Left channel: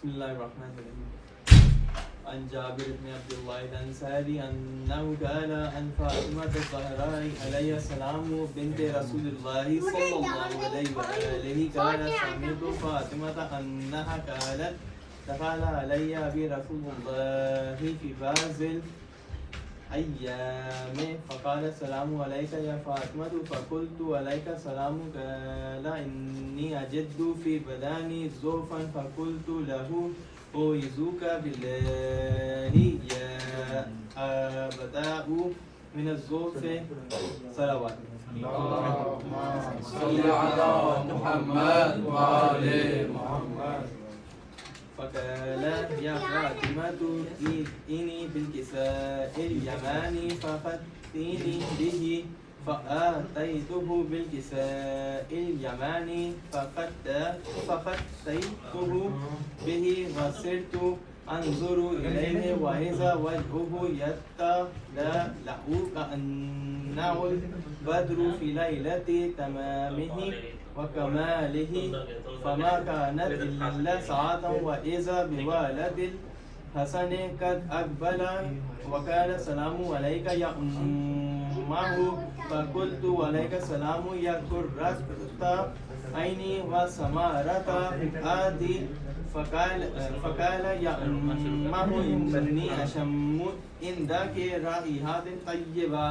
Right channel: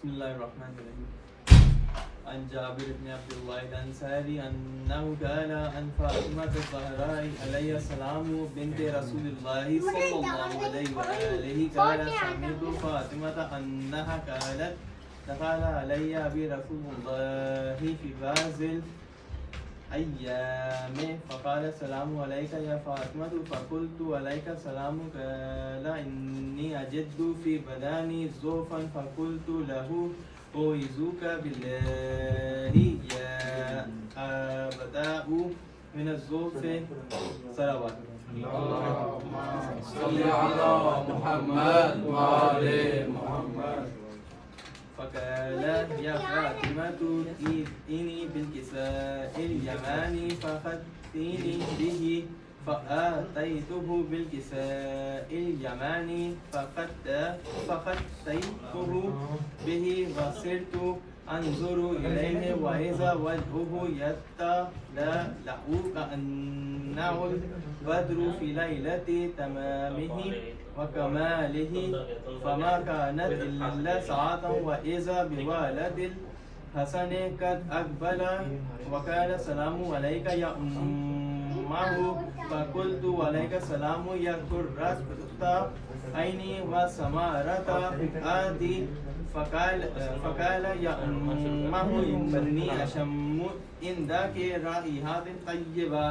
بسم الله الرحمن الرحيم. عن جابر بن عبد الله الأنصاري أنه قال عن فاطمة الزهراء عليه السلام بنت رسول الله صلى الله عليه وآله قال سمعت فاطمة أنها قالت دخل علي أبي رسول الله في بعض الأيام فقال السلام عليك يا فاطمة فقلت عليك السلام قال إني أجد في بدني ضعفا فقلت له أعوذك بالله يا أبدأ من الضعف صلوات. اللهم صل على محمد وآل محمد. فقال يا فاطمة ائتني بالكساء اليماني فأخذتني به فآتيته بالكساء اليماني فأخذته به وصرت أنظر إليه وإذا وجهه يتلألأ كأنه البدر في ليلة تمامه وكماله فما كانت إلا ساعة وإذا بوالد الحسن قد أقبل وقال السلام عليك يا أمه فقلت عليك السلام يا قرة عيني وسمارة فؤادي فقال يا أمه إني أشم عندك رائحة طيبة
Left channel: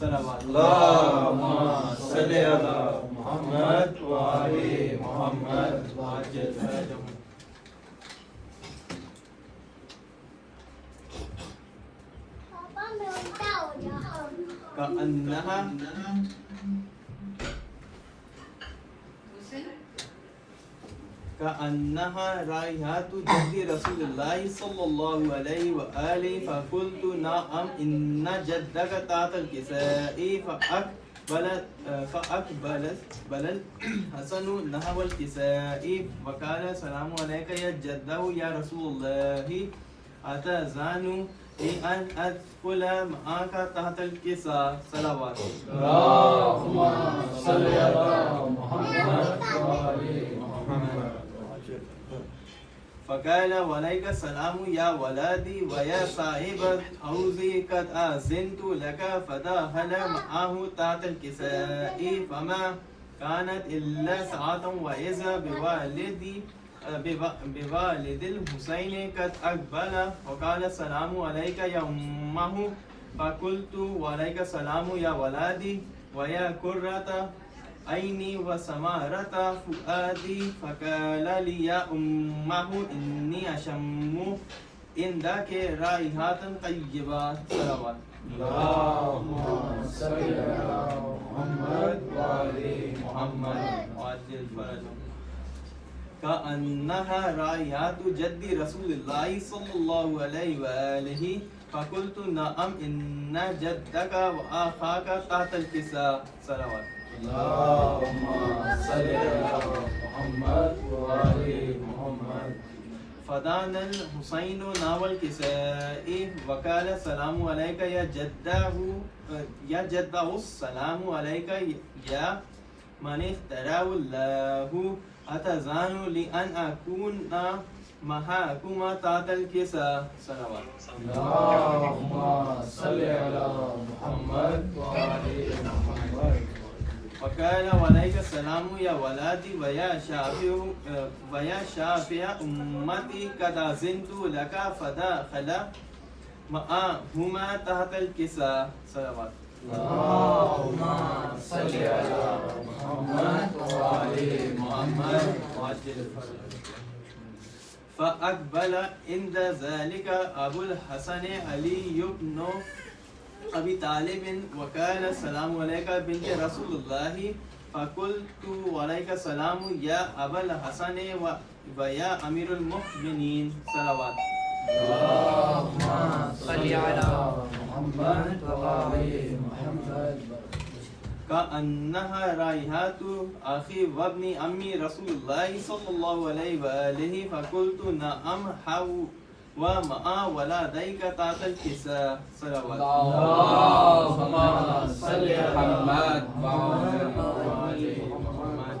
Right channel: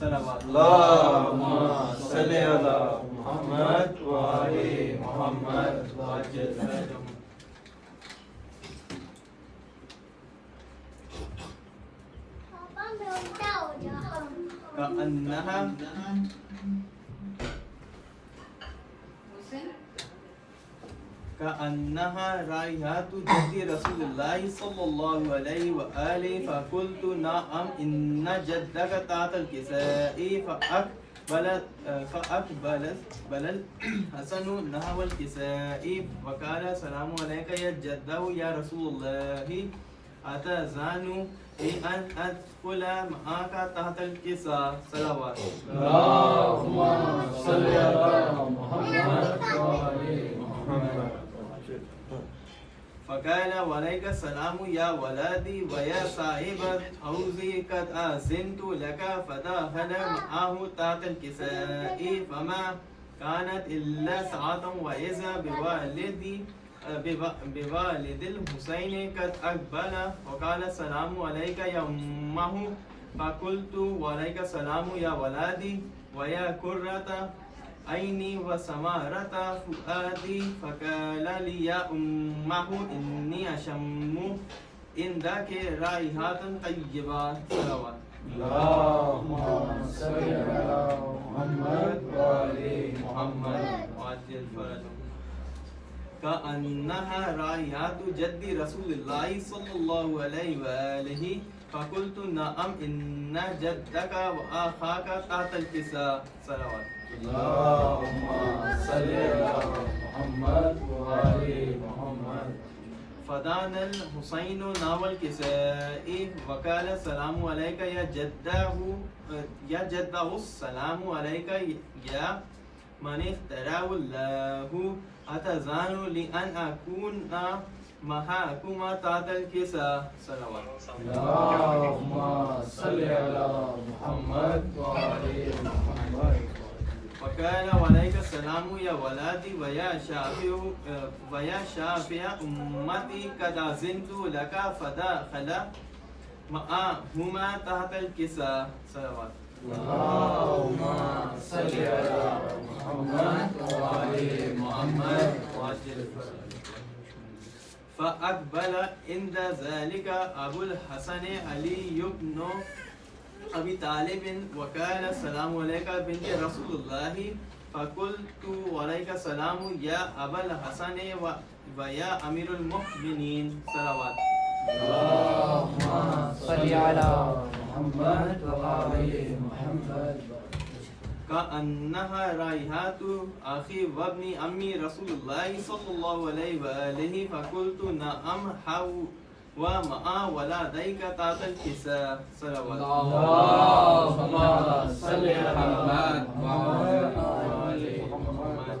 صلوات. اللهم صل على محمد وآل محمد وعجل فرجهم. كأنها رائحة جد رسول الله صلى الله عليه وآله فقلت نعم إن جدك تحت الكساء فأقبل الحسن نحو الكساء وقال السلام عليك يا جده يا رسول الله أتأذن أن أدخل معك تحت الكساء صلوات. اللهم صل على محمد وآل محمد. فقال وعليك السلام يا ولدي ويا صاحب الحوض قد أذنت لك فدخل معه تحت الكساء فما كانت إلا ساعة وإذا بوالد الحسين قد أقبل وقال السلام عليك يا أمه فقلت وعليك السلام يا ولدي ويا قرة عيني وسمارة فؤادي فقال لي يا أمه إني أشم عندك رائحة طيبة صلوات. اللهم صل على محمد وآل محمد. وعجل فرجهم. كأنها رائحة جد رسول الله صلى الله عليه وآله فقلت نعم إن جدك وأخاك تحت الكساء صلوات. اللهم صل على محمد وآل محمد. فدان الحسين نحو الكساء وقال السلام عليك يا جده السلام عليك يا من اختاره الله أتأذن لأن أكون معكما تحت الكساء صلوات. اللهم صل على محمد وآل محمد. وقال وعليك السلام يا ولدي ويا شافع أمتي قد أذنت لك فدخل معهما تحت الكساء صلوات. اللهم صل على محمد وآل محمد. وعجل فرجهم. فأقبل عند ذلك أبو الحسن علي بن أبي طالب وقال السلام عليك بنت رسول الله فقلت وعليك السلام يا أبا الحسن ويا أمير المؤمنين صلوات. اللهم صل على محمد وآل محمد. كأنها رائحة أخي وابن أمي رسول الله صلى الله عليه وآله فقلت نعم ومع ولديك تحت الكساء صلوات. اللهم صل على محمد وآل محمد.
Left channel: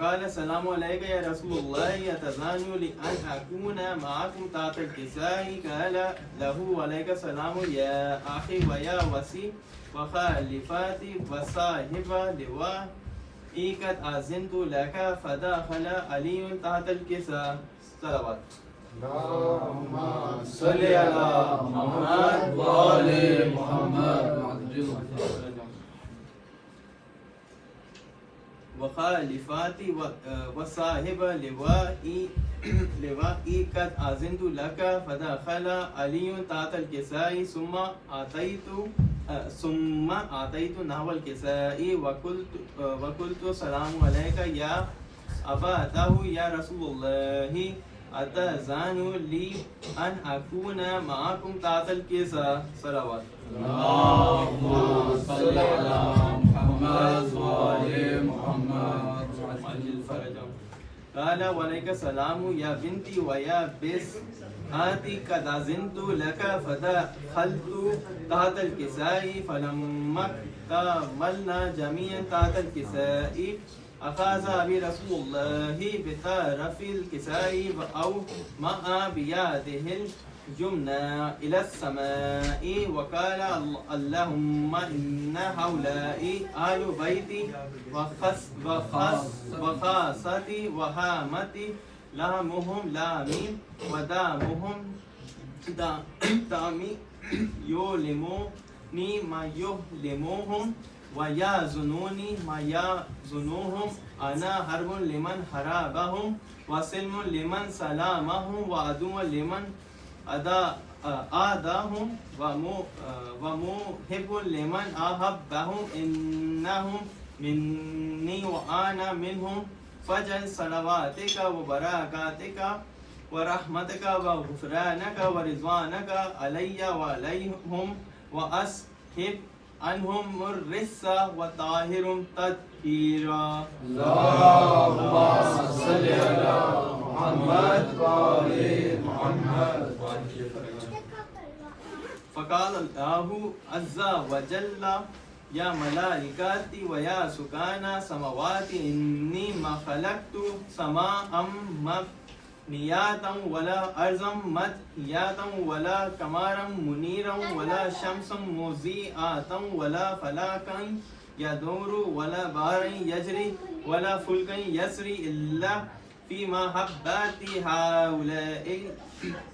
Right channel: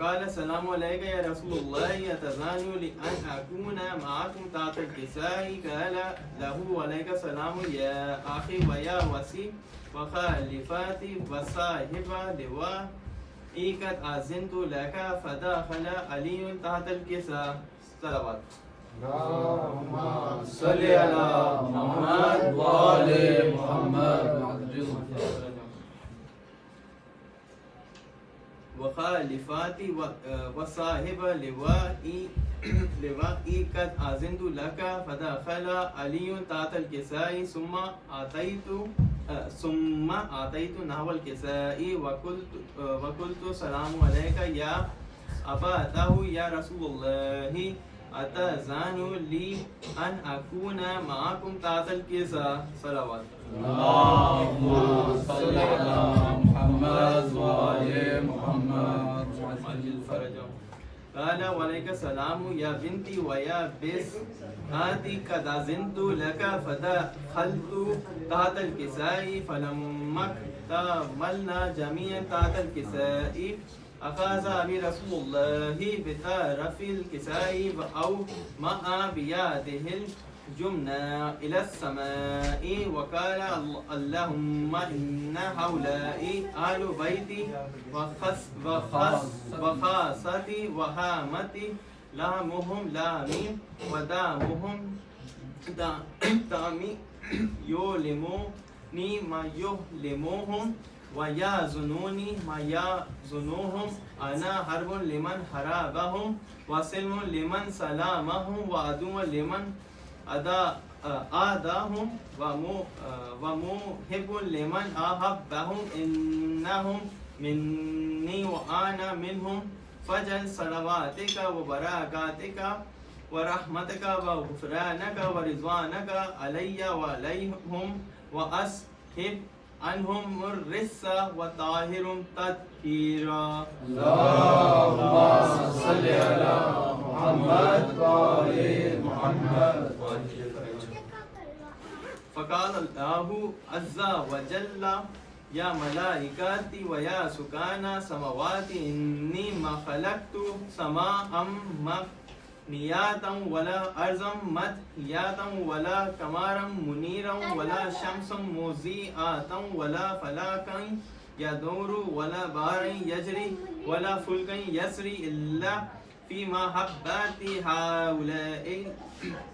وقال السلام عليك يا رسول الله أتذان لأن أكون معكم تحت الكساء قال له وعليك السلام يا أخي ويا وسي وخالفاتي وصاحب لوائي قد أذنت لك فدخل علي تحت الكساء. صلوات. اللهم صل على محمد وآل محمد. وخالفاتي وصاحب لوائي قد أذنت لك فدخل علي تحت الكساء ثم أعطيت نحو الكساء وقلت السلام عليك يا أبا طه يا رسول الله أتأذن لي أن أكون معكم تحت الكساء. صلوات. اللهم صل على محمد وآل محمد. قال وعليك السلام يا بنتي ويا بس آتي قد أذنت لك فدخلت تحت الكساء فلما اكتملنا جميعا تحت الكساء أخذ أبي رسول الله بطرف الكساء أو مع بيده الجمنة إلى السماء وقال اللهم إن هؤلاء أهل بيتي وخاصتي وهامتي لهمهم لامي ودامهم دامي يؤلموني ما يؤلمهم ويحزنوني ما يحزنهم أنا حرب لمن حاربهم وسلم لمن سلمهم وعدو لمن آداهم ومحب لمن أحبهم إنهم مني وأنا منهم فجل صلواتك وبركاتك ورحمتك وغفرانك ورضوانك علي وعليهم وأسحب عنهم الرجس وطهرهم تطهيرا. اللهم صل على محمد وآل محمد. فقال الله عز وجل يا ملائكتي ويا سكان سماواتي إني ما خلقت سماء مبنية ولا أرضا مدحية ولا قمرا منيرا ولا شمسا مضيئة ولا فلكا يدور ولا بحرا يجري ولا فلكا يسري إلا في محبة هؤلاء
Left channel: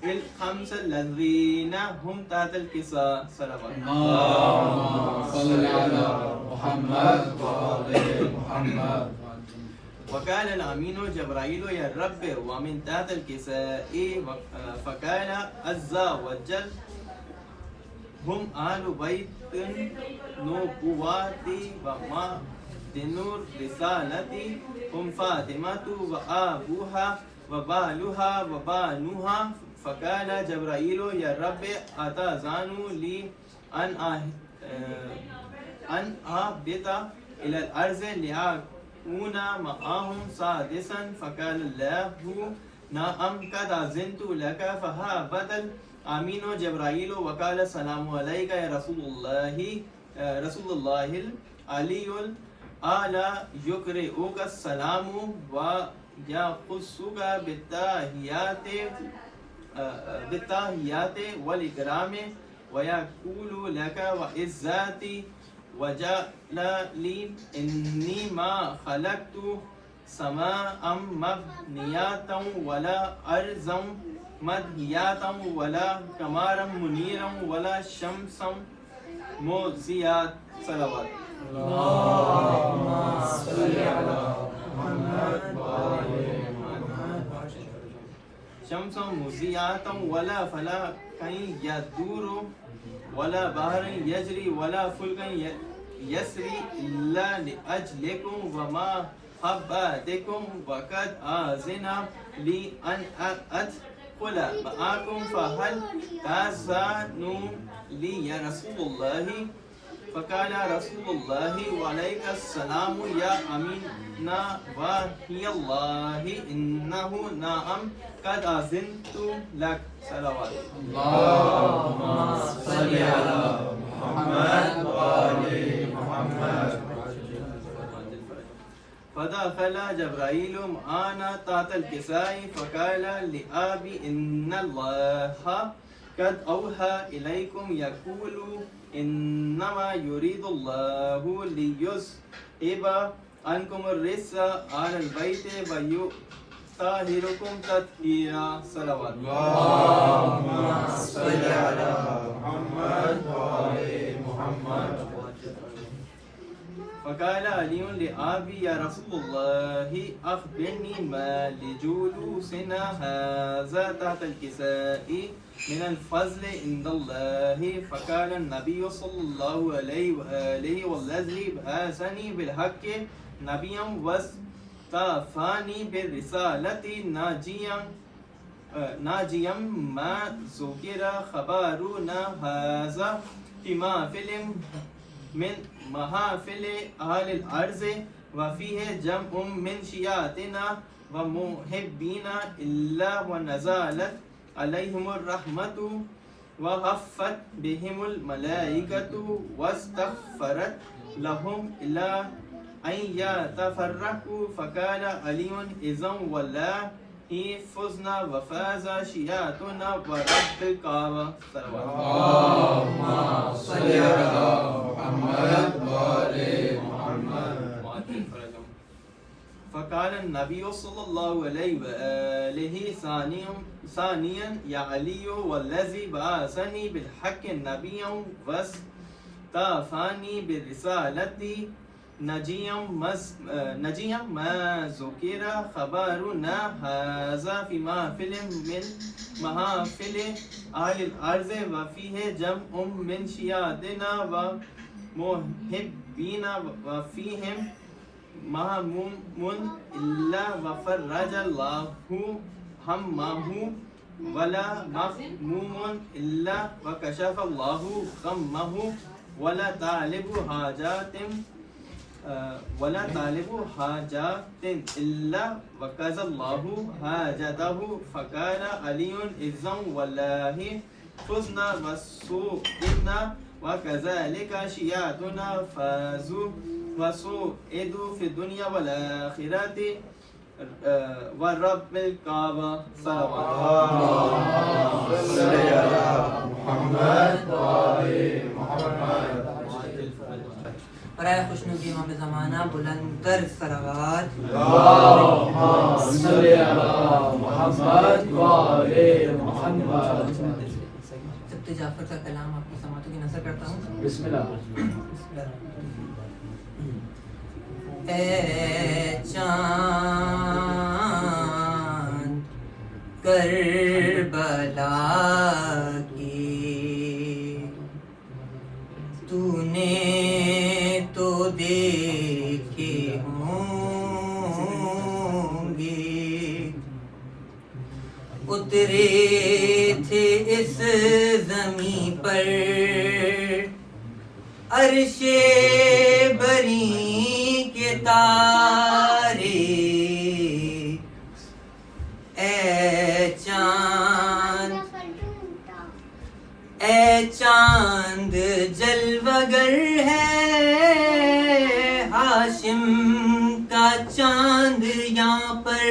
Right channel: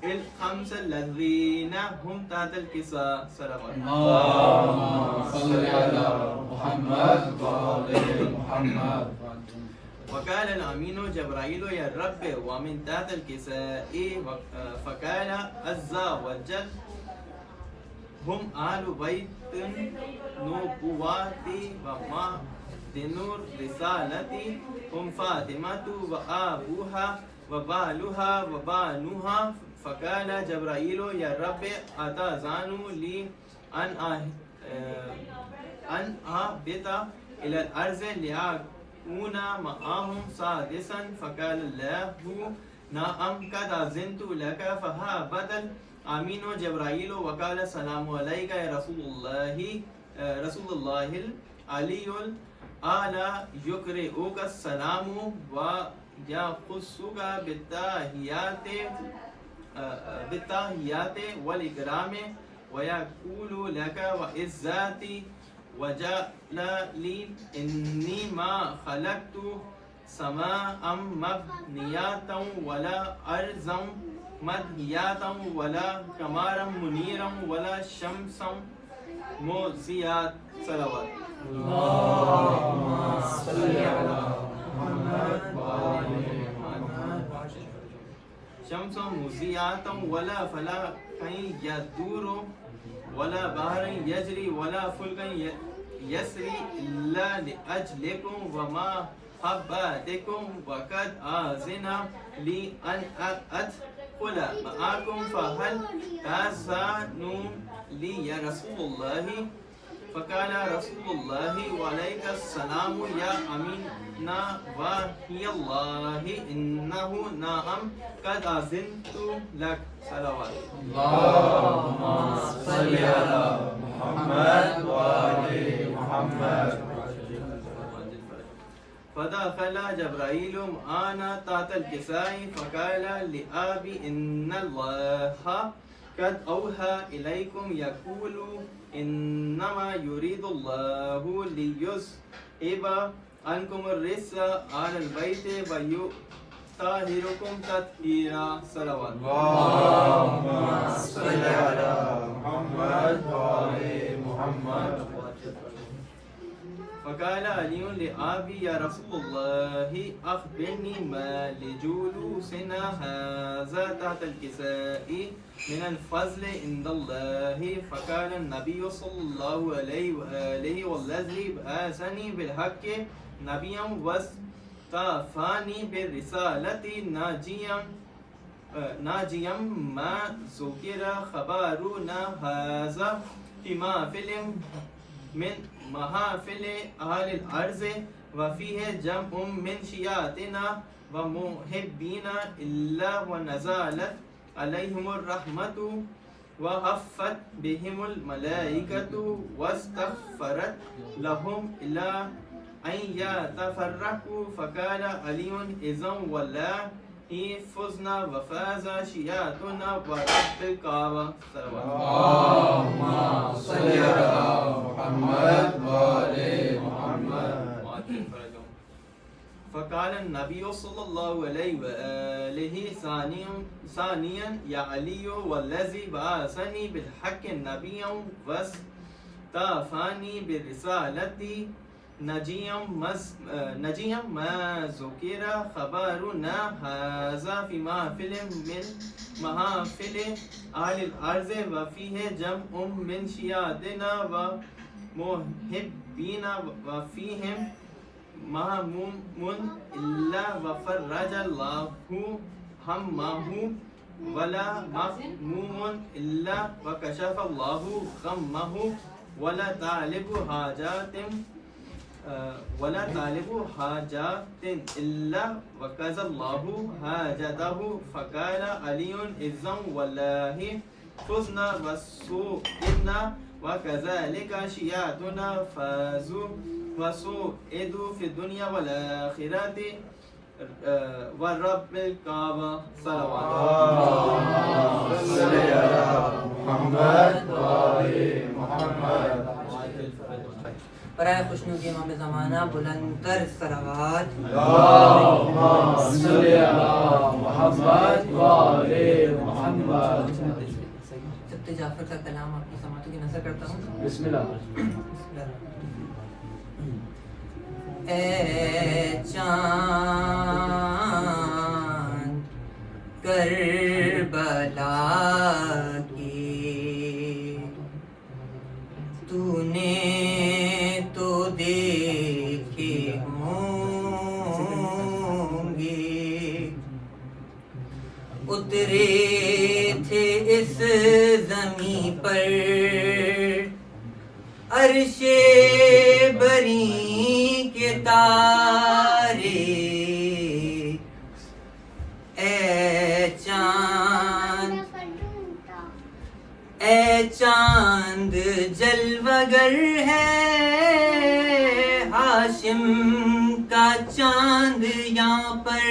الخمس الذين هم تحت الكساء. صلوات. اللهم صل على محمد وآل محمد. وقال الأمين جبرائيل يا رب ومن تحت الكساء فقال عز وجل هم أهل بيت نبواتي ومعدن رسالتي هم فاطمة وأبوها وبالها وبانوها. فقال جبرائيل يا رب أتأذن لي أن أهبط إلى الأرض لأكون معهم سادسا. فقال الله نعم قد أذنت لك فهبط الأمين جبرائيل وقال السلام عليك يا رسول الله العلي الأعلى يقرئك السلام ويخصك بالتحيات والإكرام ويقول لك وعزتي وجلالي إني ما خلقت سماء مبنية ولا أرضا مدحية ولا قمرا منيرا ولا شمسا مضيئة. صلوات. اللهم صل على محمد وآل محمد. شمسا مضيئة ولا فلكا يدور ولا بحر يجري ولا فلكا يسري إلا لأجلكم ومحبتكم وقد أذن لي أن أدخل معكم فهل تأذنوا لي يا رسول الله. فقال رسول الله وعليك السلام يا أمين وحي الله إنه نعم قد أذنت لك. صلوات. اللهم صل على محمد وآل محمد. فدخل جبرائيل معنا تحت الكساء فقال لأبي إن الله قد أوحى إليكم يقول إنما يريد الله ليذهب عنكم الرجس أهل البيت ويطهركم تطهيرا. صلوات. اللهم صل على محمد وآل محمد. فقال علي لأبي يا رسول الله أخبرني ما لجلوسنا هذا تحت الكساء من الفضل عند الله. فقال النبي صلى الله عليه وآله والذي بعثني بالحق نبيا واصطفاني بالرسالة ناجيا ما ذكر خبرنا هذا في محفل من محافل أهل الأرض وفيه جمع من شيعتنا ومحبين إلا ونزلت عليهم الرحمة وحفت بهم الملائكة واستغفرت لهم إلى أن يتفرقوا. فقال علي إذا والله فزنا وفاز شيعتنا ورب الكعبة. اللهم صل على محمد وآل محمد. فقال النبي صلى الله عليه وآله ثانيا يا علي والذي بعثني بالحق نبيا واصطفاني بالرسالة نجيا ما ذكر خبرنا هذا في محفل من محافل أهل الأرض وفيه جمع من شيعتنا ومحبين وفيهم مهموم إلا وفرج الله همه ولا مهموم إلا وكشف الله غمه ولا طالب حاجات إلا وكذا الله حاجته. فقال علي إذا والله فزنا وسئلنا وكذلك شيعتنا فازوا وسئدوا في الدنيا والآخرة ورب الكعبة. صلوات. اللهم صل على محمد وآل محمد. برائے خوشنودی امام زمانہ بلند تر صلوات. اللهم صل على محمد وآل محمد. سبت جعفر کا کلام آپ کی سماعتوں کی نظر کرتا ہوں. بسم اللہ. اے چاند کربلا کی تو نے تو دیکھے ہوں گے اترے تھے اس زمین پر عرش بری کے تارے. اے چاند جلوگر ہے ہاشم کا چاند یہاں پر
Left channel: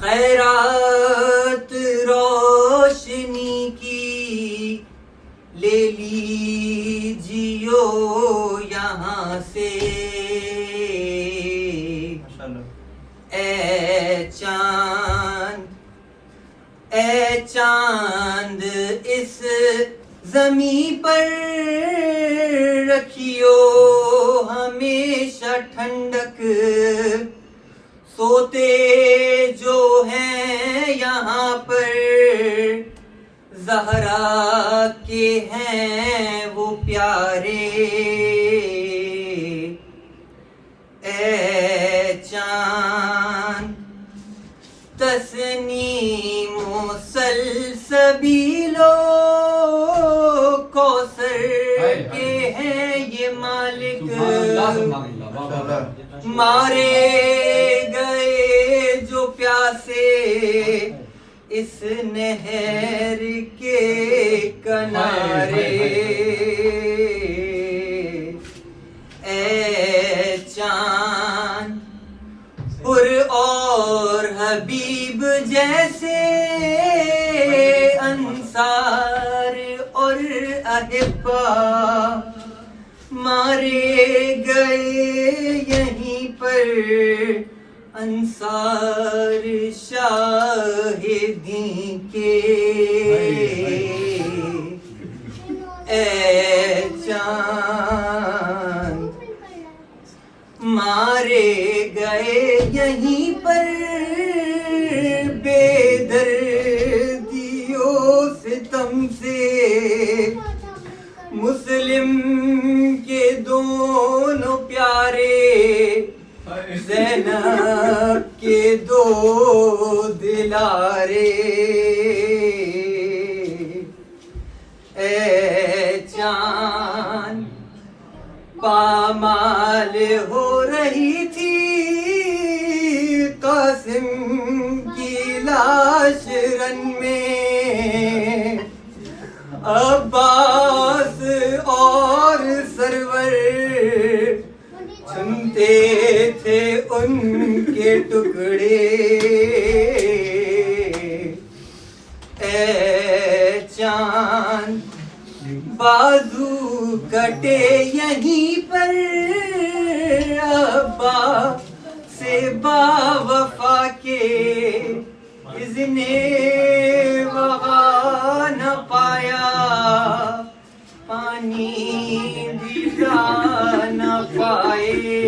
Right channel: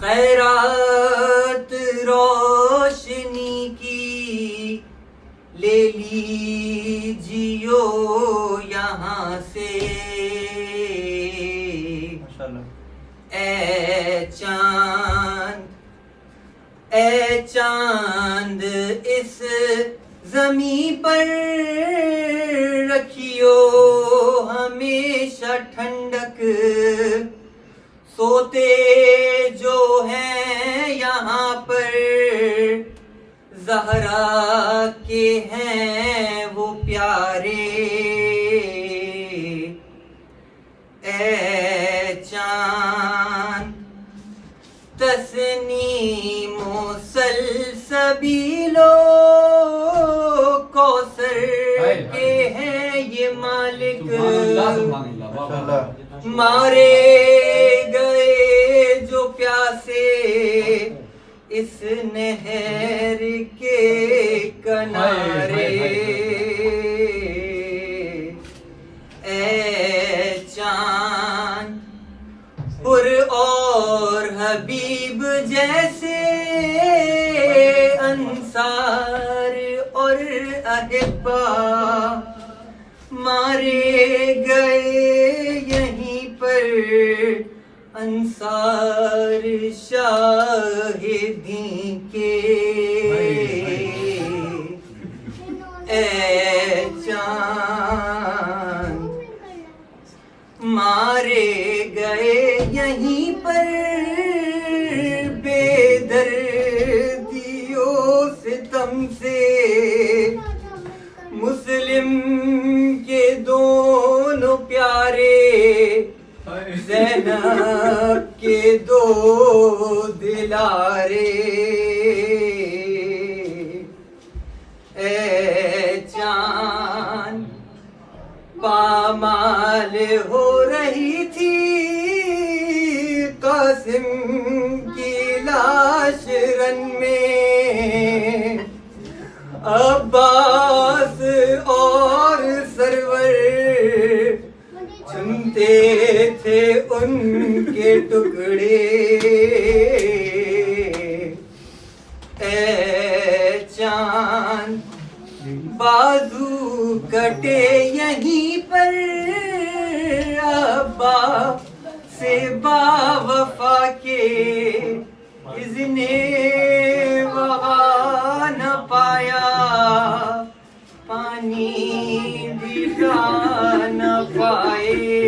خیرات روشنی کی لے لیجیو یہاں سے. اے چاند اس زمین پر رکھیو ہمیشہ ٹھنڈک. سوتے جو ہیں یہاں پر زہرا کے ہیں وہ پیارے. اے چاند تسنیم و سلسبیل و کوثر کے ہیں یہ مالک. مارے گئے جو پیاسے اس نہر کے کنارے. اے چاند اور حبیب جیسے انصار اور احبا مارے گئے یہیں پر انصار شاہدین کے اے چاند مارے گئے یہیں پر بے دردیوں ستم سے مسلم کے دونوں پیارے زینب کے دو دلارے اے چاند پامال ہو رہی تھی قاسم کی لاش رن میں عباس اور سرور چنتے تھے ان کے ٹکڑے اے چاند بازو کٹے یہیں پر ابا سے با وفا کے اذن وغا نہ پایا پانی بھی نہ پائے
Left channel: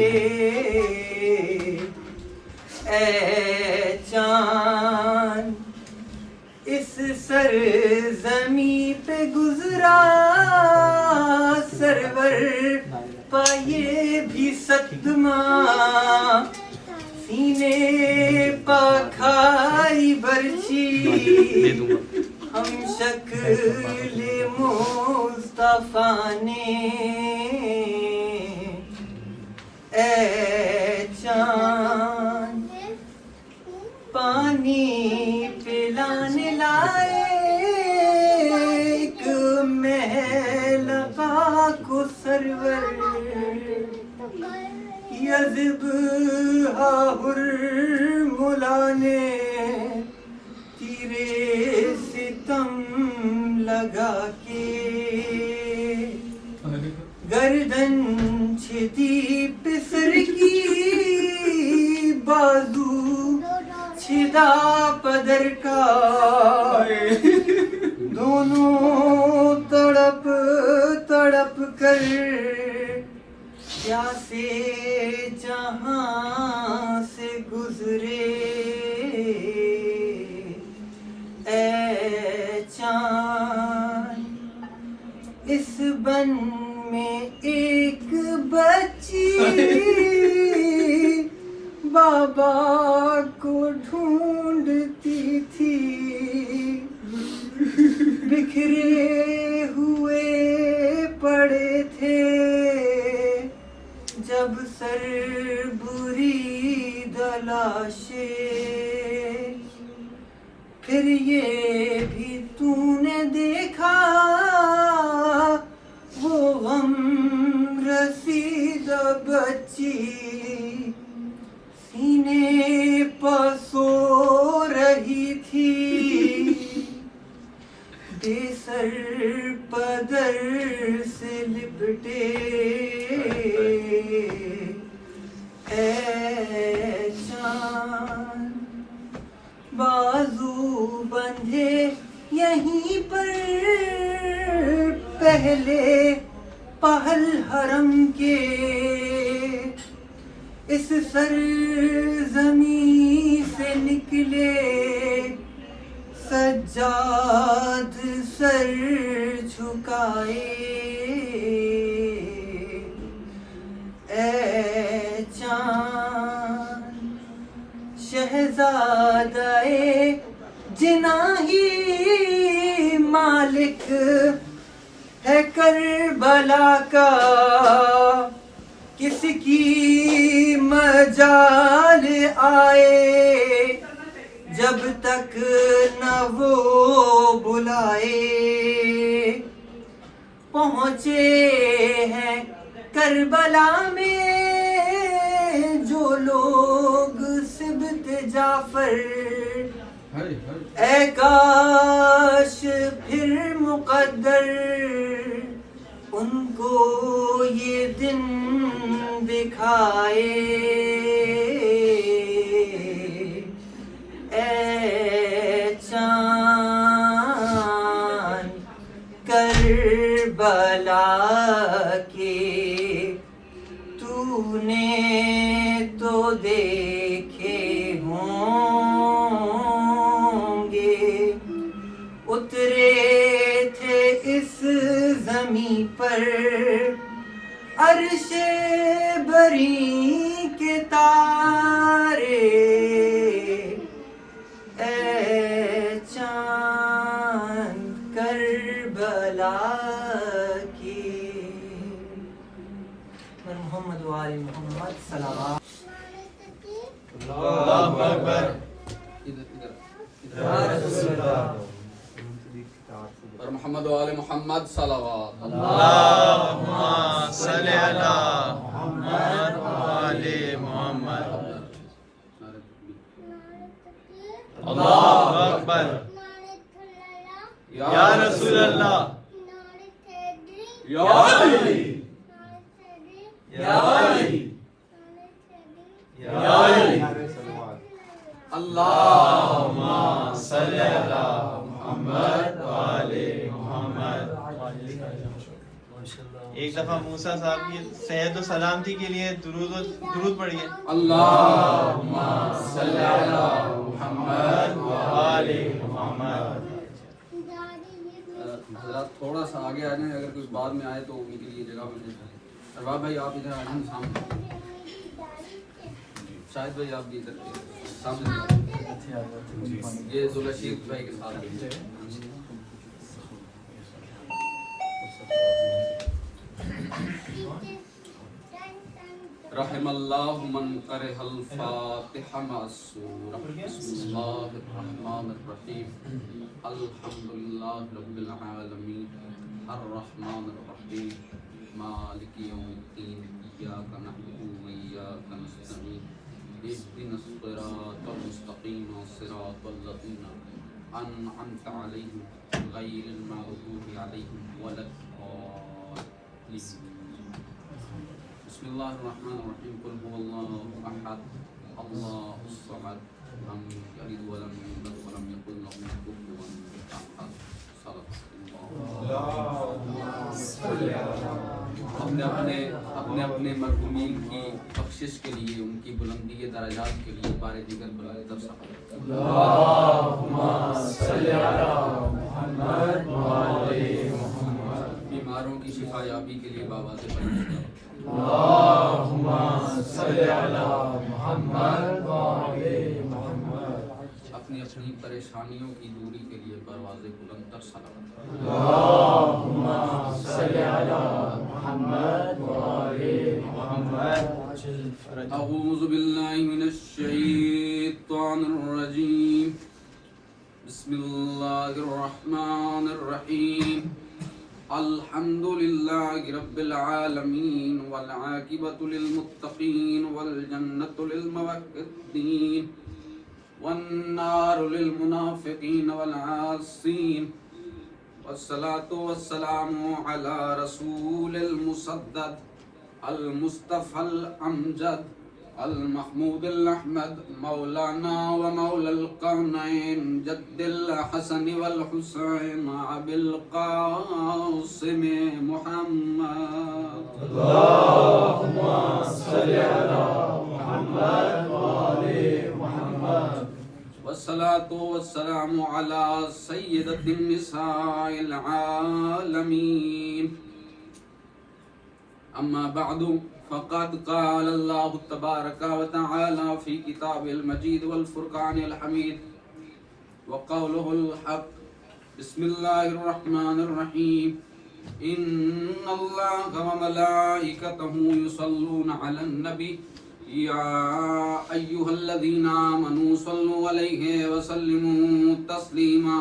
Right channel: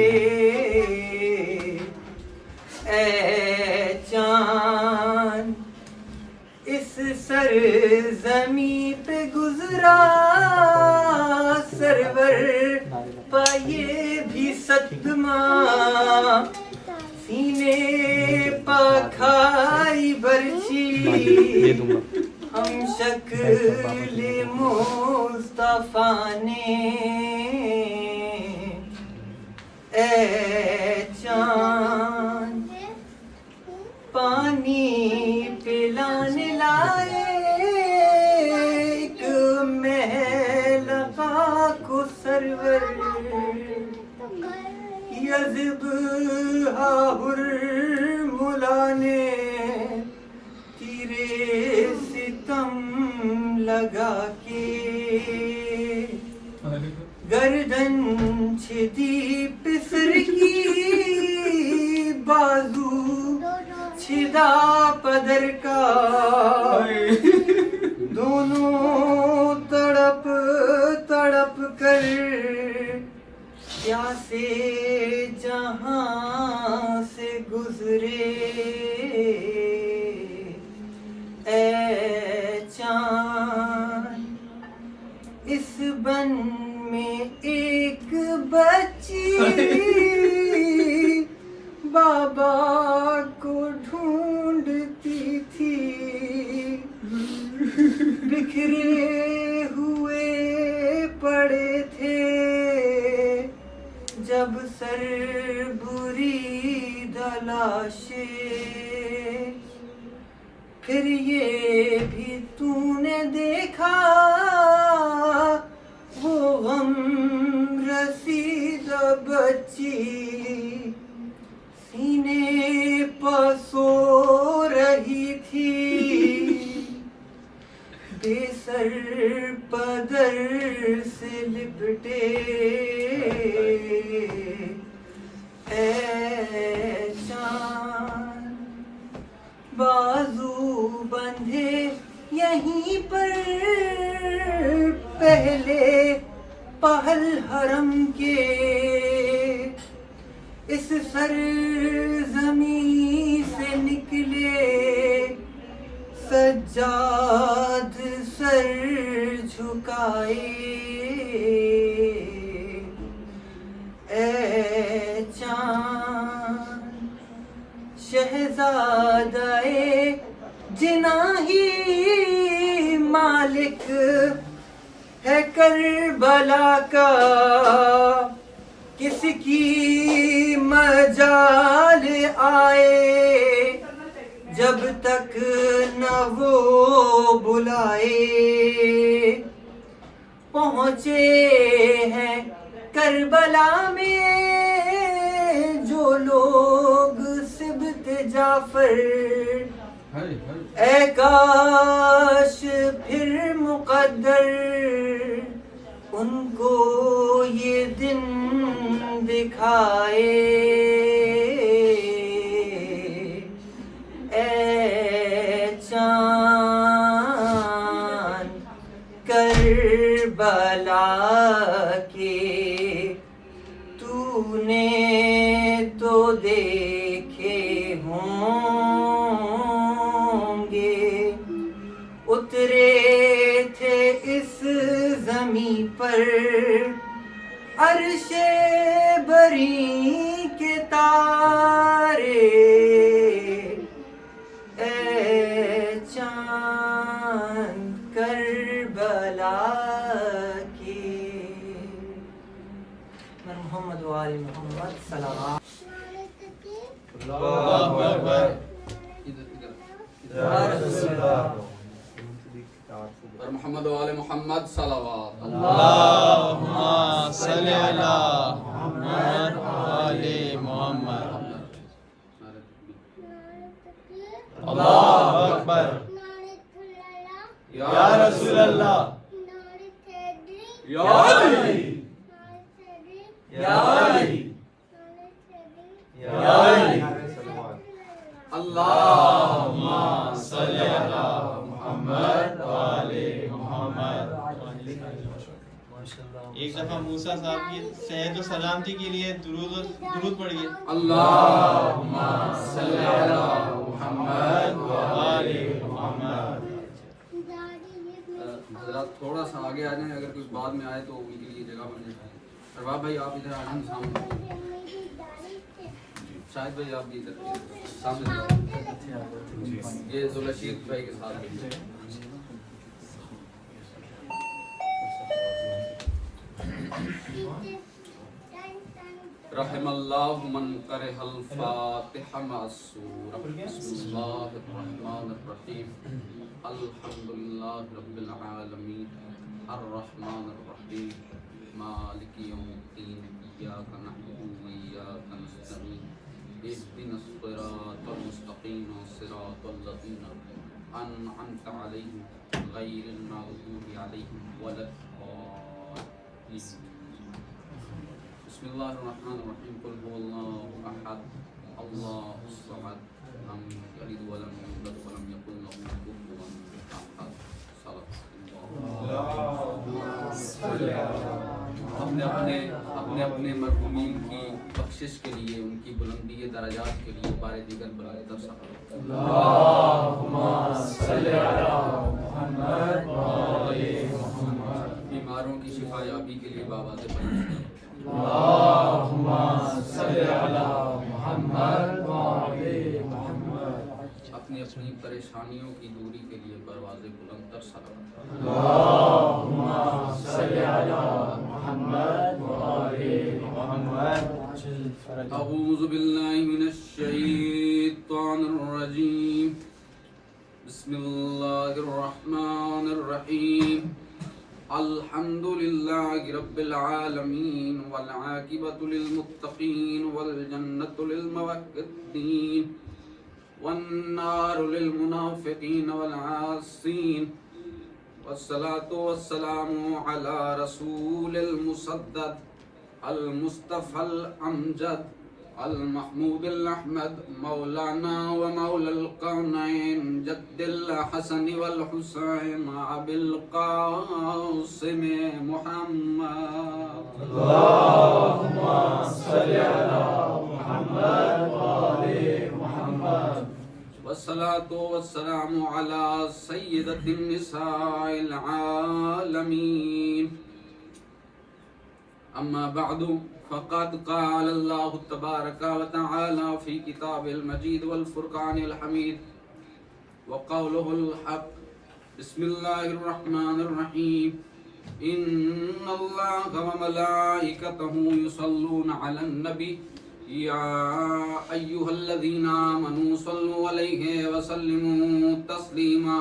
اے چاند اس سرزمیں پہ گزرا سرور پائے بھی صدمہ سینے پا کھائی برچی ہم شکل مصطفیٰ نے اے چاند پانی پلانے لائے ایک محل کو سرور یذبح حرملا نے تیرے ستم لگا کے گردن چھتی پسر کی بازو چھدا پدر کا دونوں تڑپ تڑپ کر پیاسے جہاں سے گزرے اے چاند اس بن میں ایک بچی بابا کو ڈھونڈتی تھی بکھرے ہوئے پڑے تھے جب سر برید لاشیں پھر یہ بھی تو نے دیکھا وہ غم رسیدہ بچی سینے پر سو رہی تھی بے سر پدر سے لپٹے اے چاند بازو بندھے یہیں پر پہلے پہل حرم کے اس سرزمین سے نکلے سجاد سر جھکائے اے چاند شہزادہ جناحی مالک ہے کربلا کا کس کی مجال آئے جب تک نہ وہ بلائے پہنچے ہیں کربلا میں جو لوگ سبط جعفر اے کاش پھر مقدر ان کو یہ دن دکھائے اے چاند کربلا کے تو نے تو دیکھے ہوں گے اترے تھے اس زمیں پر عرش بری کے تارے اے چاند کربلا کے محمد و آل محمد صلوات اللہ اکبر اور محمد و آل محمد صلوات اللہم صلی علی محمد و آل محمد اللہ اکبر یا رسول اللہ یا علی یا علی یا علی اللہم صلی علی محمد و آل محمد. ایک دفعہ موسیٰ صاحب کی صحت و سلامتی کے لیے درود پڑھیے. اللہم صلی علی محمد و آل محمد. حضرات تھوڑا سا آگے آ جائیں، اگر کچھ بعد میں آئے تو ان کے لیے جگہ بن جائے. ارباب بھائی آپ ادھر آئیں سامنے، شاہد بھائی آپ بھی ادھر سامنے، یہ ذوالرشید بھائی کے ساتھ رحم اللہ من کرہ الفاتحہ مع السورہ. بسم اللہ الرحمن الرحیم. الحمدللہ رب العالمین الرحمن الرحیم مالک یوم الدین. ایاک نعبد و ایاک نستعین. اهدنا الصراط المستقیم صراط الذین انعمت علیہم غیر المغضوب علیہم ولا الضالین. بسم اللہ الرحمن الرحیم. قل هو اللہ احد اللہ الصمد لم یلد ولم یولد ولم یکن له کفوا احد. صدق اللہ. اپنے اپنے مرحومین کی بخشش کے لیے، ان کی بلندی درجات کے لیے بار دیگر بلائے درس اللہم صلی علی محمد و آل محمد. بیماروں کی شفا یابی کے لیے بابا سے پڑھیں. اللہم صلی علی محمد و آل محمد. اپنی اپنی پریشانیوں کی دوری کے لیے پرواز بلند تر صلوات. اللہم صلی علی محمد و آل محمد. اعوذ باللہ من الشیطان الرجیم. بسم اللہ الرحمن الرحیم. الحمد للہ رب العالمین والعاقبۃ للمتقین والجنۃ للموحدین والنار للمنافقین والعاصین والصلاة والسلام علی رسول المسدد المصطفى الامجد المحمود الاحمد مولانا ومولى القرنين جد الحسن والحسين ابي القاسم محمد. اللهم صل على محمد وآل محمد. والصلاة والسلام على سيدة النساء العالمين. أما بعد فقد قال الله تبارك وتعالى في كتاب المجيد والفرقان الحميد وقوله الحق. بسم الله الرحمن الرحيم. إن الله وملائكته يصلون على النبي يا أيها الذين آمنوا صلوا عليه وسلموا تسليما.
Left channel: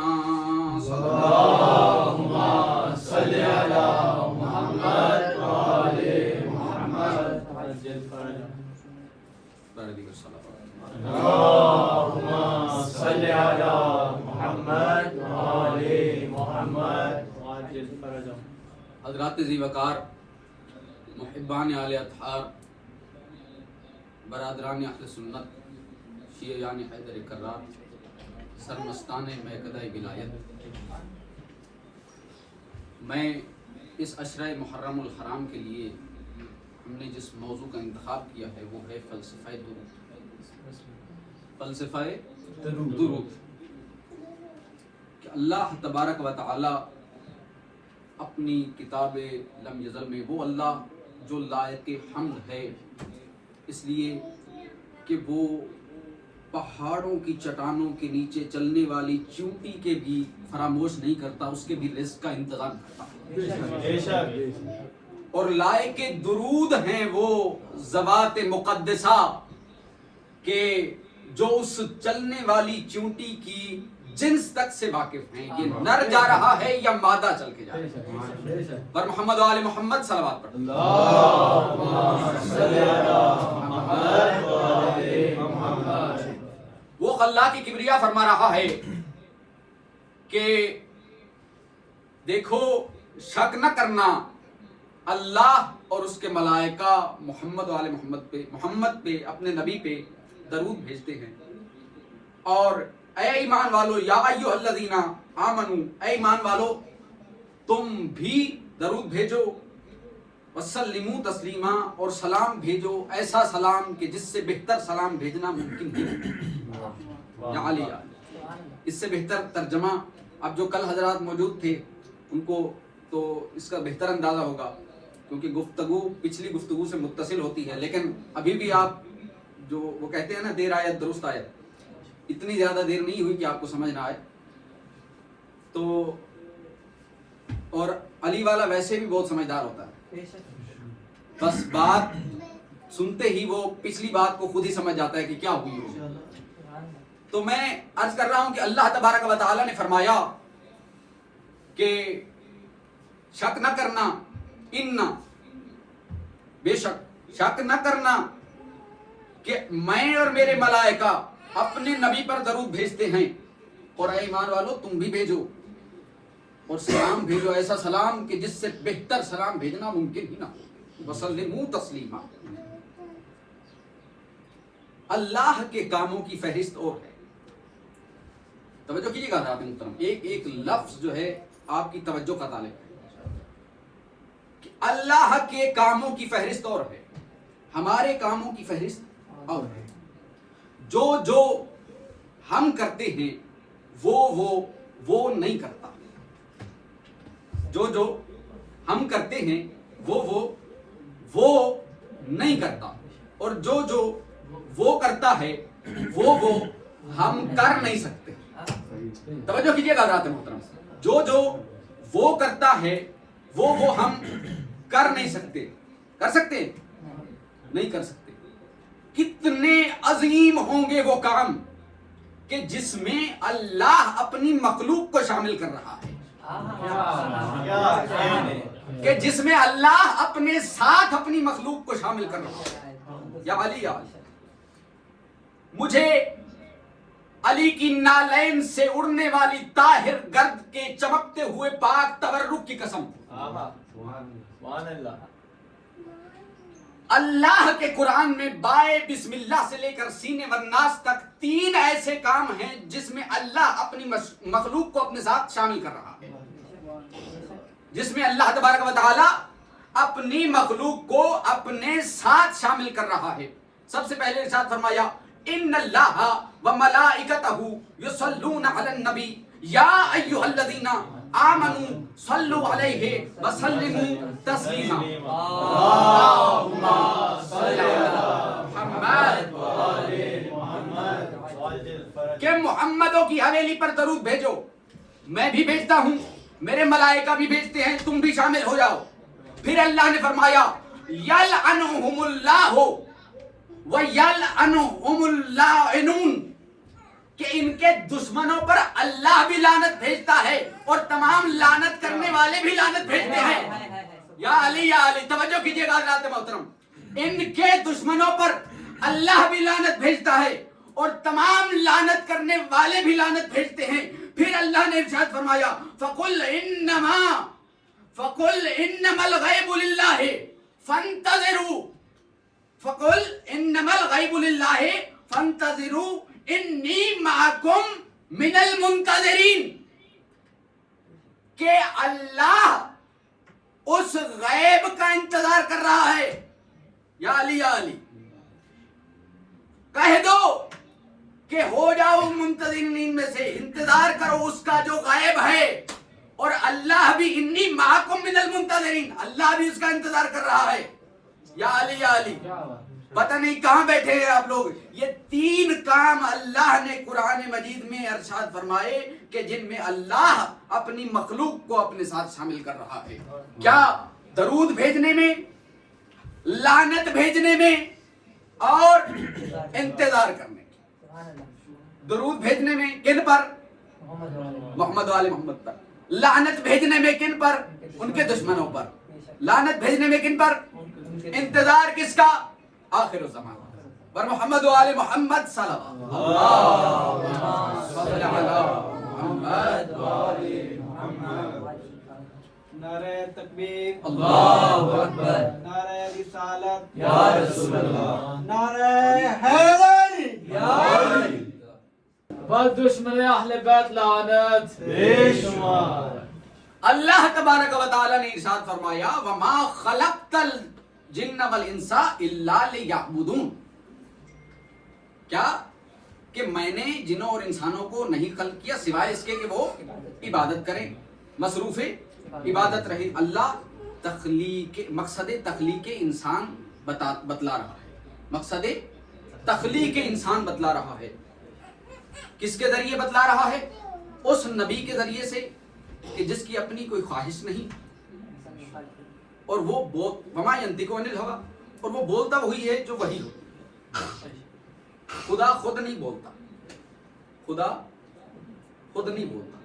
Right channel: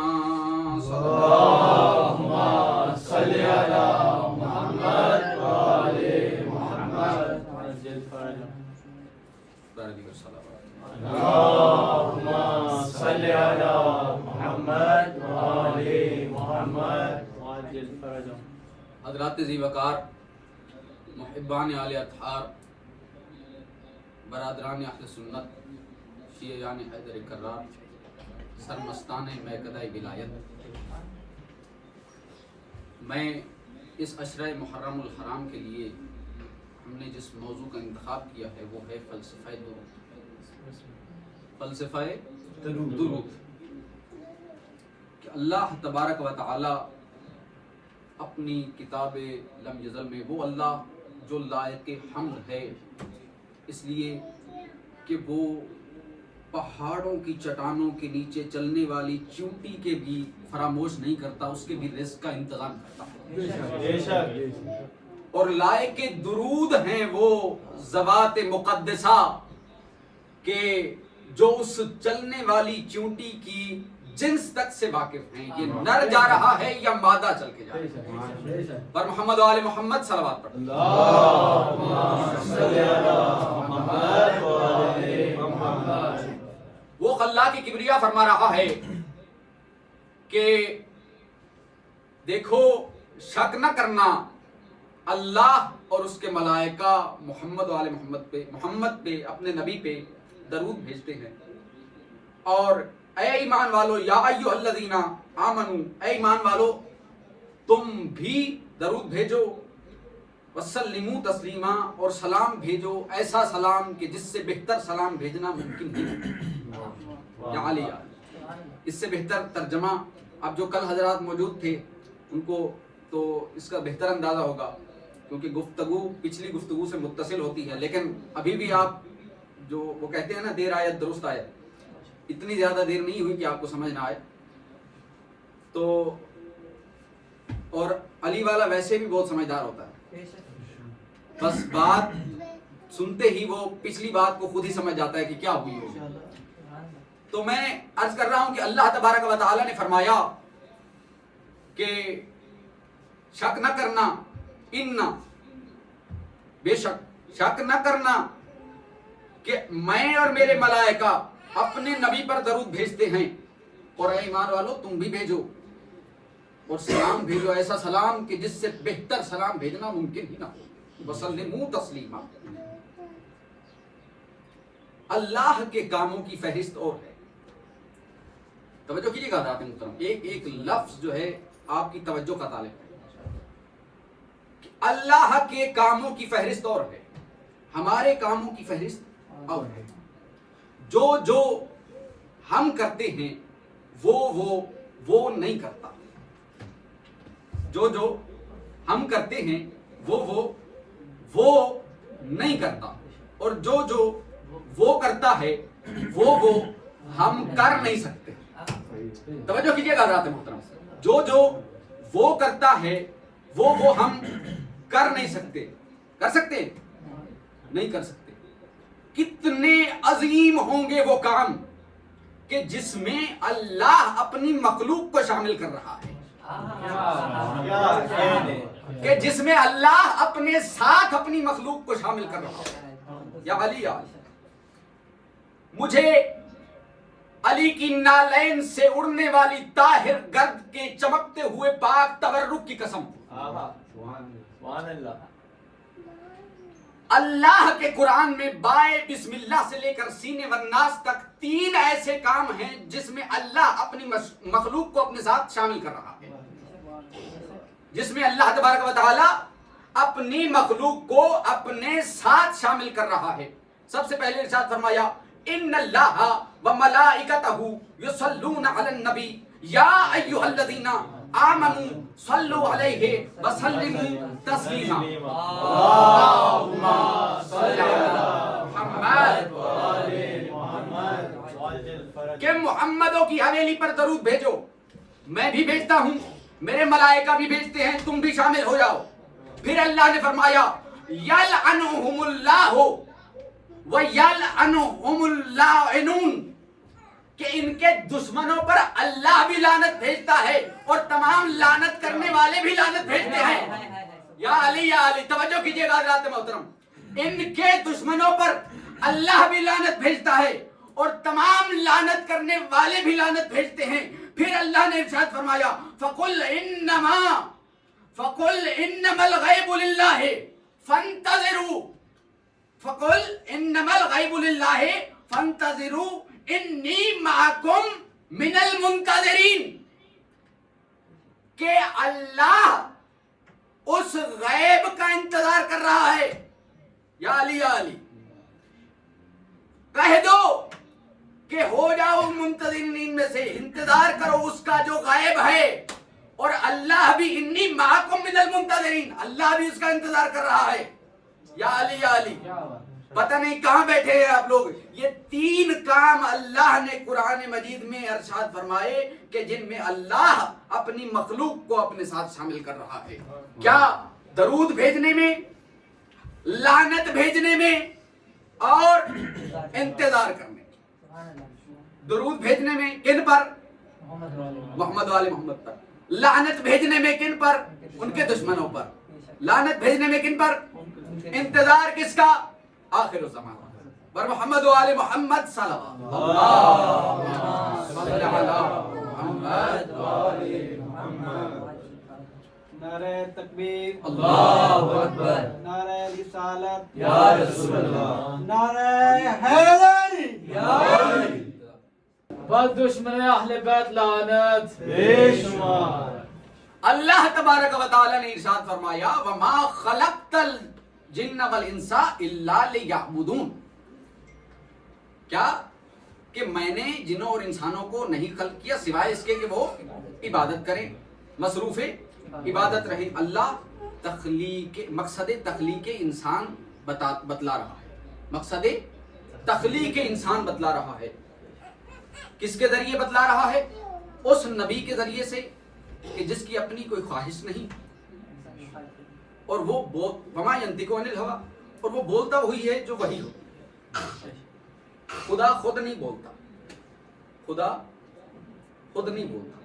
اللهم صل على محمد وآل محمد. بارے دیگر صلوات. اللهم صل على محمد وآل محمد وعجل فرجهم. حضرات ذی وقار، محبان آل اطہار، برادران اہل سنت، شیعیان حیدر کرار، سرمستان میکدہ ولایت، میں اس عشرہ محرم الحرام کے لیے ہم نے جس موضوع کا انتخاب کیا ہے وہ ہے فلسفہ درود. فلسفہ درود کہ اللہ تبارک و تعالی اپنی کتاب لم یزل میں وہ اللہ جو لائق حمد ہے، اس لیے کہ وہ پہاڑوں کی چٹانوں کے نیچے چلنے والی چیونٹی کے بھی فراموش نہیں کرتا، اس کے بھی رزق کا انتظام کرتا. اور لائق درود ہیں وہ ذوات مقدسہ کہ جو اس چلنے والی چیونٹی کی جنس تک سے واقف ہیں، یہ نر جا رہا ہے یا مادہ چل کے جا رہا ہے. پر محمد و آل محمد صلوات پڑھ. وہ خلاق کی کبریا فرما رہا ہے کہ دیکھو شک نہ کرنا، اللہ اور اس کے ملائکہ محمد و آل محمد پہ اپنے نبی پہ درود بھیجتے ہیں. اور اے ایمان والو، یا ایھا الذین آمنو، اے ایمان والو تم بھی درود بھیجو، وسلموا تسلیما، اور سلام بھیجو ایسا سلام کہ جس سے بہتر سلام بھیجنا ممکن نہیں. یا علی، اس سے بہتر ترجمہ اب جو کل حضرات موجود تھے ان کو تو اس کا بہتر اندازہ ہوگا، کیونکہ گفتگو پچھلی گفتگو سے متصل ہوتی ہے، لیکن ابھی بھی آپ جو وہ کہتے ہیں نا دیر آیت درست آیت، اتنی زیادہ دیر نہیں ہوئی کہ آپ کو سمجھ نہ آئے. تو اور علی والا ویسے بھی بہت سمجھدار ہوتا ہے، بس بات سنتے ہی وہ پچھلی بات کو خود ہی سمجھ جاتا ہے کہ کیا ہوئی ہوگی. تو میں عرض کر رہا ہوں کہ اللہ تبارک و تعالی نے فرمایا کہ شک نہ کرنا، بے شک نہ کرنا کہ میں اور میرے ملائکہ اپنے نبی پر درود بھیجتے ہیں، اور اے ایمان والو تم بھی بھیجو، اور سلام بھیجو ایسا سلام کہ جس سے بہتر سلام بھیجنا ممکن ہی نہ ہو. وسلموا تسلیما. اللہ کے کاموں کی فہرست اور ہے. توجہ کیجیے گا حضرات محترم، ایک لفظ جو ہے آپ کی توجہ کا طالب ہے کہ اللہ کے کاموں کی فہرست اور ہے، ہمارے کاموں کی فہرست اور ہے. جو ہم کرتے ہیں وہ نہیں کرتا، جو ہم کرتے ہیں وہ نہیں کرتا، اور جو وہ کرتا ہے وہ ہم کر نہیں سکتے. توجہ کیجیے گا حضرات محترم، جو وہ کرتا ہے وہ ہم کر نہیں سکتے. کر سکتے نہیں کر سکتے. کتنے عظیم ہوں گے وہ کام کہ جس میں اللہ اپنی مخلوق کو شامل کر رہا ہے، کہ جس میں اللہ اپنے ساتھ اپنی مخلوق کو شامل کر رہا ہے. یا علی، مجھے علی کی نالین سے اڑنے والی طاہر گرد کے چمکتے ہوئے پاک تبرک کی قسم، اللہ کے قرآن میں بائے بسم اللہ سے لے کر سینے والناس تک 3 ایسے کام ہیں جس میں اللہ اپنی مخلوق کو اپنے ساتھ شامل کر رہا ہے، جس میں اللہ تبارک و تعالی اپنی مخلوق کو اپنے ساتھ شامل کر رہا ہے. سب سے پہلے ارشاد فرمایا ان اللہ وملائکتہ یصلون علی النبی یا ایھا الذین آمنوا صلوا علیہ وسلموا تسلیما. اللہم صل علی محمد کہ محمدوں کی حویلی پر درود بھیجو. میں بھی بھیجتا ہوں، میرے ملائکہ بھی بھیجتے ہیں، تم بھی شامل ہو جاؤ. پھر اللہ نے فرمایا یلعنہم اللہ وَيَلْعَنُهُمُ اللَّاعِنُونَ کہ ان کے دشمنوں پر اللہ بھی لعنت بھیجتا ہے اور تمام لعنت کرنے والے بھی لعنت بھیجتے ہیں. یا علی توجہ کیجئے گا حضرات محترم، ان کے دشمنوں پر اللہ بھی لعنت بھیجتا ہے اور تمام لعنت کرنے والے بھی لعنت بھیجتے ہیں. پھر اللہ نے ارشاد فرمایا فَقُلْ إِنَّمَا الْغَيْبُ لِلَّهِ فَانْتَظِرُوا فَقُلْ إِنَّمَا الْغَيْبُ لِلَّهِ فَانْتَظِرُوا إِنِّي مَعَكُمْ مِنَ الْمُنْتَظِرِينَ. کہ اللہ اس غیب کا انتظار کر رہا ہے. یا علی یا علی کہہ دو کہ ہو جاؤ منتظرین میں سے, انتظار کرو اس کا جو غیب ہے. اور اللہ بھی انی معکم من المنتظرین, اللہ بھی اس کا انتظار کر رہا ہے. یا علی یا علی پتہ نہیں کہاں بیٹھے ہیں آپ لوگ. یہ 3 کام اللہ نے قرآن مجید میں ارشاد فرمائے کہ جن میں اللہ اپنی مخلوق کو اپنے ساتھ شامل کر رہا ہے. کیا؟ درود بھیجنے میں, لعنت بھیجنے میں اور انتظار کرنے. درود بھیجنے میں کن پر؟ محمد و آل محمد پر. لعنت بھیجنے میں کن پر؟ ان کے دشمنوں پر. لعنت بھیجنے میں کن پر؟ انتظار کس کا؟ آخر الزمان پر محمد و آل محمد صلی اللہ علیہ وسلم. نعرہ تکبیر اللہ اکبر. نعرہ رسالت یا رسول اللہ. نعرہ حیدر یا علی. بد دشمن اہل بیت لعنت بے شمار. اللہ تبارک و تعالی نے ارشاد فرمایا وما خلقت الجن والانس الا لیعبدون. کیا کہ میں نے جنوں اور انسانوں کو نہیں خلق کیا سوائے اس کے کہ وہ عبادت کریں. مصروف عبادت رہے. اللہ مقصد تخلیق انسان بتلا رہا ہے. مقصد تخلیق انسان بتلا رہا ہے. کس کے ذریعے بتلا رہا ہے؟ اس نبی کے ذریعے سے کہ جس کی اپنی کوئی خواہش نہیں اور وہ وما ينطق عن الهوى, اور وہ بولتا وہی ہے جو وہی ہو. خدا خود نہیں بولتا. خدا خود نہیں بولتا.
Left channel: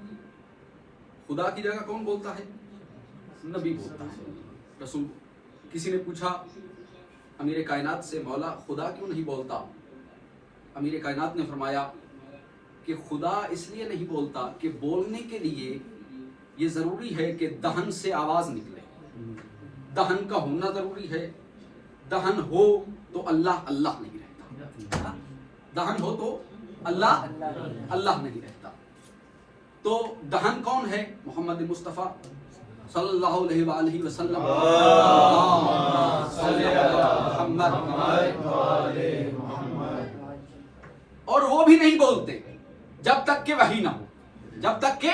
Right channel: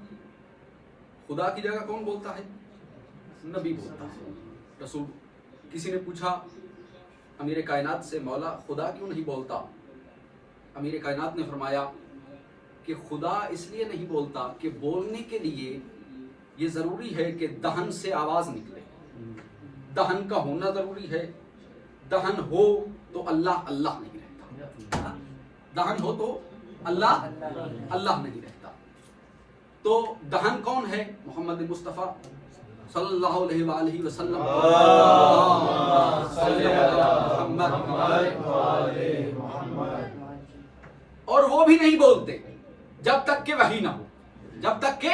خدا کی جگہ کون بولتا ہے؟ نبی بولتا ہے, رسول. کسی نے پوچھا امیر کائنات سے مولا خدا کیوں نہیں بولتا؟ امیر کائنات نے فرمایا کہ خدا اس لیے نہیں بولتا کہ بولنے کے لیے یہ ضروری ہے کہ دہن سے آواز نکلے. دہن کا ہونا ضروری ہے. دہن ہو تو اللہ اللہ نہیں رہتا. دہن ہو تو اللہ اللہ نہیں رہتا. تو دہن کون ہے؟ محمد مصطفیٰ صلی اللہ علیہ وآلہ وسلم. اور وہ بھی نہیں بولتے جب تک کہ وحی نہ ہو. جب تک کہ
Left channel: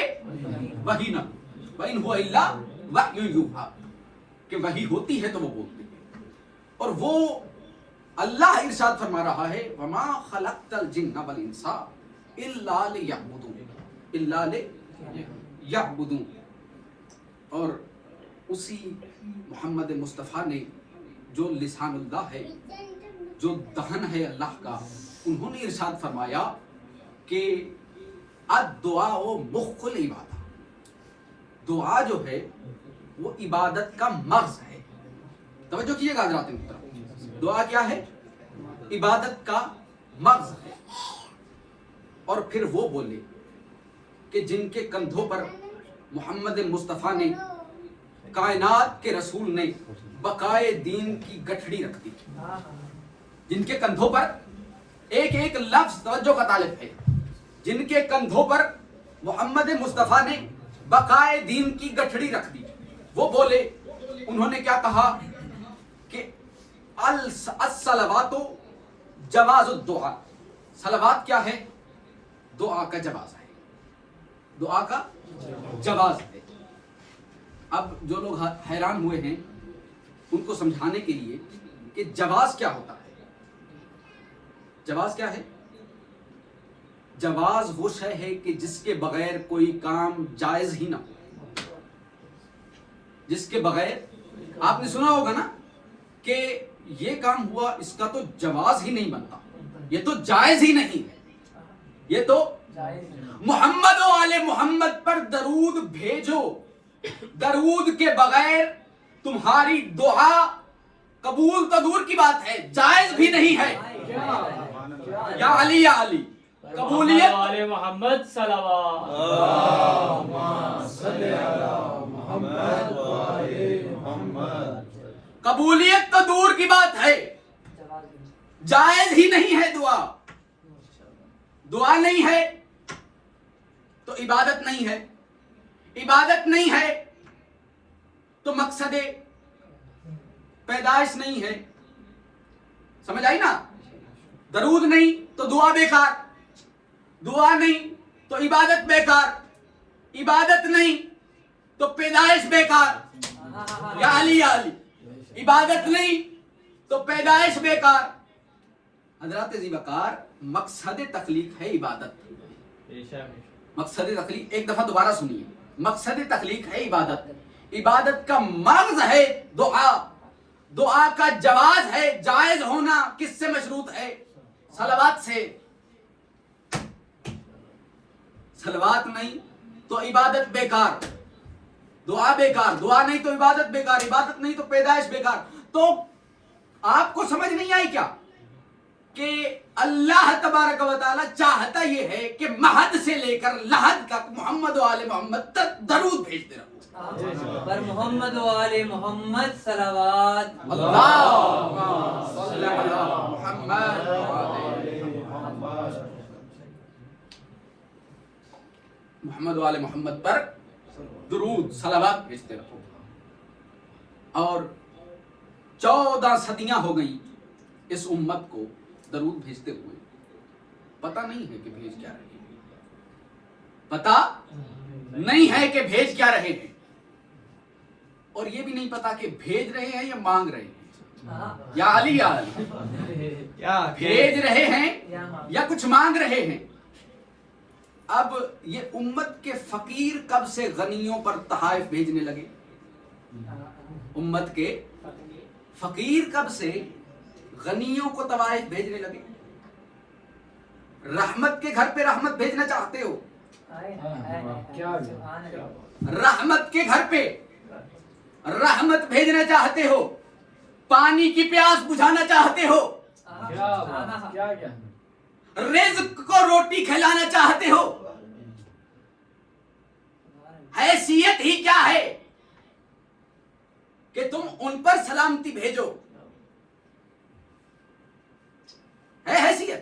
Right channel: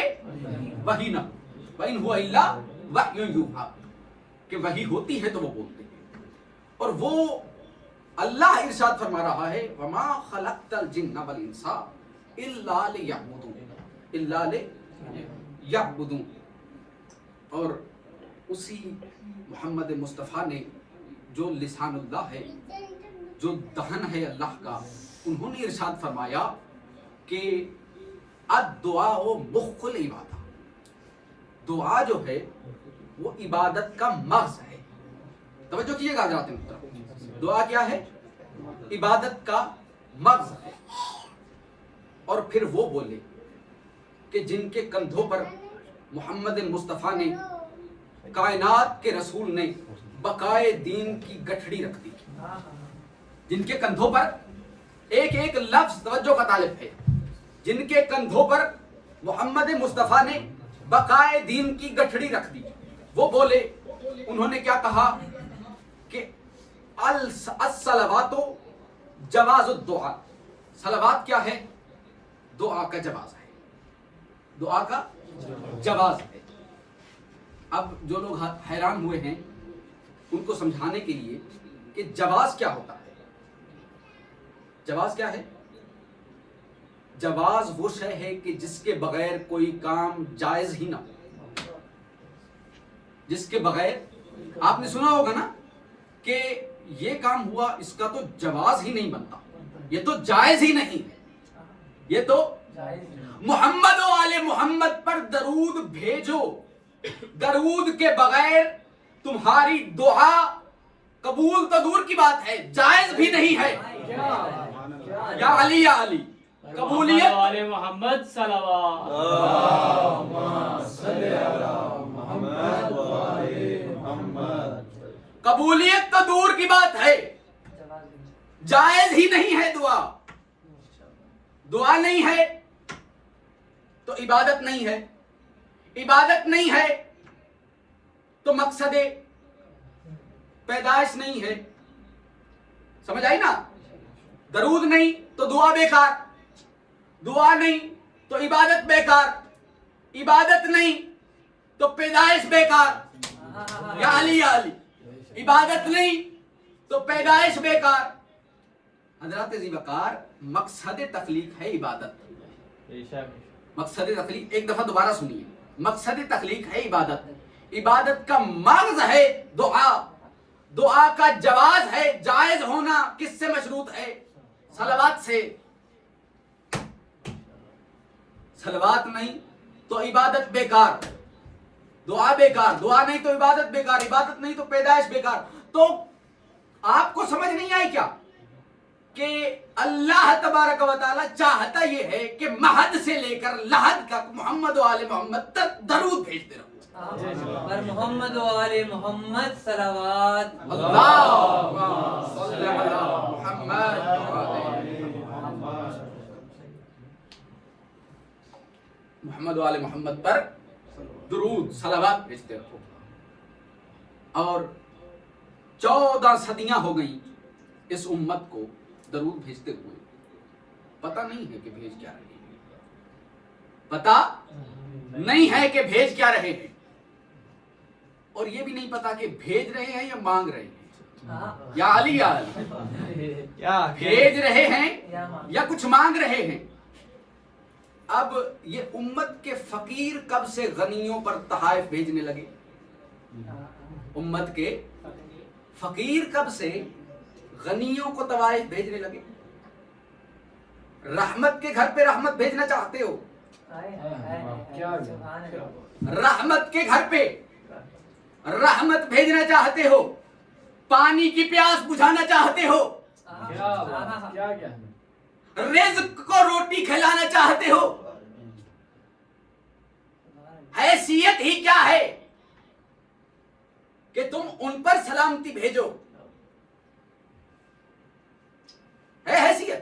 وحی نہ ہو. وَإِنْ هُوَ إِلَّا وَحْيٌ يُوحَىٰ کہ وحی ہوتی ہے تو وہ بولتے ہیں. اور وہ اللہ ارشاد فرما رہا ہے وَمَا خَلَقْتَ الْجِنَّ وَالْإِنسَ إِلَّا لِيَعْبُدُونَ إِلَّا لِيَعْبُدُونَ. اور اسی محمد مصطفیٰ نے جو لسان اللہ ہے, جو دہن ہے اللہ کا, انہوں نے ارشاد فرمایا کہ الدعاء مخ العبادہ. دعا جو ہے وہ عبادت کا مغز ہے. توجہ کیجیے گا حضرات محترم, دعا کیا ہے؟ عبادت کا مغز ہے. اور پھر وہ بولے کہ جن کے کندھوں پر محمد مصطفیٰ نے, کائنات کے رسول نے بقائے دین کی گٹھڑی رکھ دی. جن کے کندھوں پر, ایک ایک لفظ توجہ کا طالب ہے, جن کے کندھوں پر محمد مصطفیٰ نے بقائے دین کی گٹھڑی رکھ دی, وہ بولے. انہوں نے کیا کہا کہ الصلوات جواز الدعاء. صلوات کیا ہے؟ دعا کا جواز ہے. دعا کا جواز ہے. اب جو لوگ حیران ہوئے ہیں ان کو سمجھانے کے لیے کہ جواز کیا ہوتا ہے. جواز کیا ہے؟ جواز وہ شے ہے کہ جس کے بغیر کوئی کام جائز ہی نہ ہو. جس کے بغیر, آپ نے سنا ہوگا نا کہ یہ کام ہوا, اس کا تو جواز ہی نہیں بنتا, یہ تو جائز ہی نہیں ہے, یہ تو محمد و آل محمد پر درود بھیجو. درود کے بغیر تمہاری دعا قبول تو دور کی بات ہے, جائز بھی نہیں ہے. یا علی یا علی قبولیت والے محمد صلوات قبولیت تو دور کی بات ہے، جائز ہی نہیں ہے دعا. دعا نہیں ہے تو عبادت نہیں ہے، عبادت نہیں ہے تو مقصد پیدائش نہیں ہے. سمجھ آئی نا؟ درود نہیں تو دعا بیکار، دعا نہیں تو عبادت بیکار، عبادت نہیں تو پیدائش بیکار. یا علی یا علی، عبادت نہیں تو پیدائش بیکار. حضرات ذی وقار، مقصد تخلیق ہے عبادت. مقصد تخلیق ایک دفعہ دوبارہ سنیے، مقصد تخلیق ہے عبادت. عبادت کا مغز ہے دعا، دعا کا جواز ہے، جائز ہونا کس سے مشروط ہے؟ صلوات سے. صلوات نہیں تو عبادت بیکار، دعا بیکار، دعا نہیں تو عبادت بیکار، عبادت نہیں تو پیدائش بیکار. تو آپ کو سمجھ نہیں آئی کیا کہ اللہ تبارک و تعالی چاہتا یہ ہے کہ مہد سے لے کر لحد تک محمد و آل محمد تک درود بھیجتے رہو. پر محمد و آل محمد صلوات. اللہم صل علی محمد و آل محمد و آل محمد پر درود صلوات بھیجتے رہو. اور 14 صدیاں ہو گئیں اس امت کو درود بھیجتے ہوئے. پتہ نہیں ہے کہ بھیج کیا رہے ہیں، پتہ نہیں ہے کہ بھیج کیا رہے ہیں، اور یہ بھی نہیں پتا کہ بھیج رہے ہیں یا مانگ رہے ہیں. یا علی یا علی، بھیج رہے ہیں یا کچھ مانگ رہے ہیں. اب یہ امت کے فقیر کب سے غنیوں پر تحائف بھیجنے لگے؟ امت کے فقیر کب سے غنیوں کو تحائف بھیجنے لگے؟ رحمت کے گھر پہ رحمت بھیجنا چاہتے ہو؟ رحمت کے گھر پہ رحمت بھیجنا چاہتے ہو؟ پانی کی پیاس بجھانا چاہتے ہو؟ رزق کو روٹی کھلانا چاہتے ہو؟ حیثیت ہی کیا ہے کہ تم ان پر سلامتی بھیجو؟ ہے حیثیت؟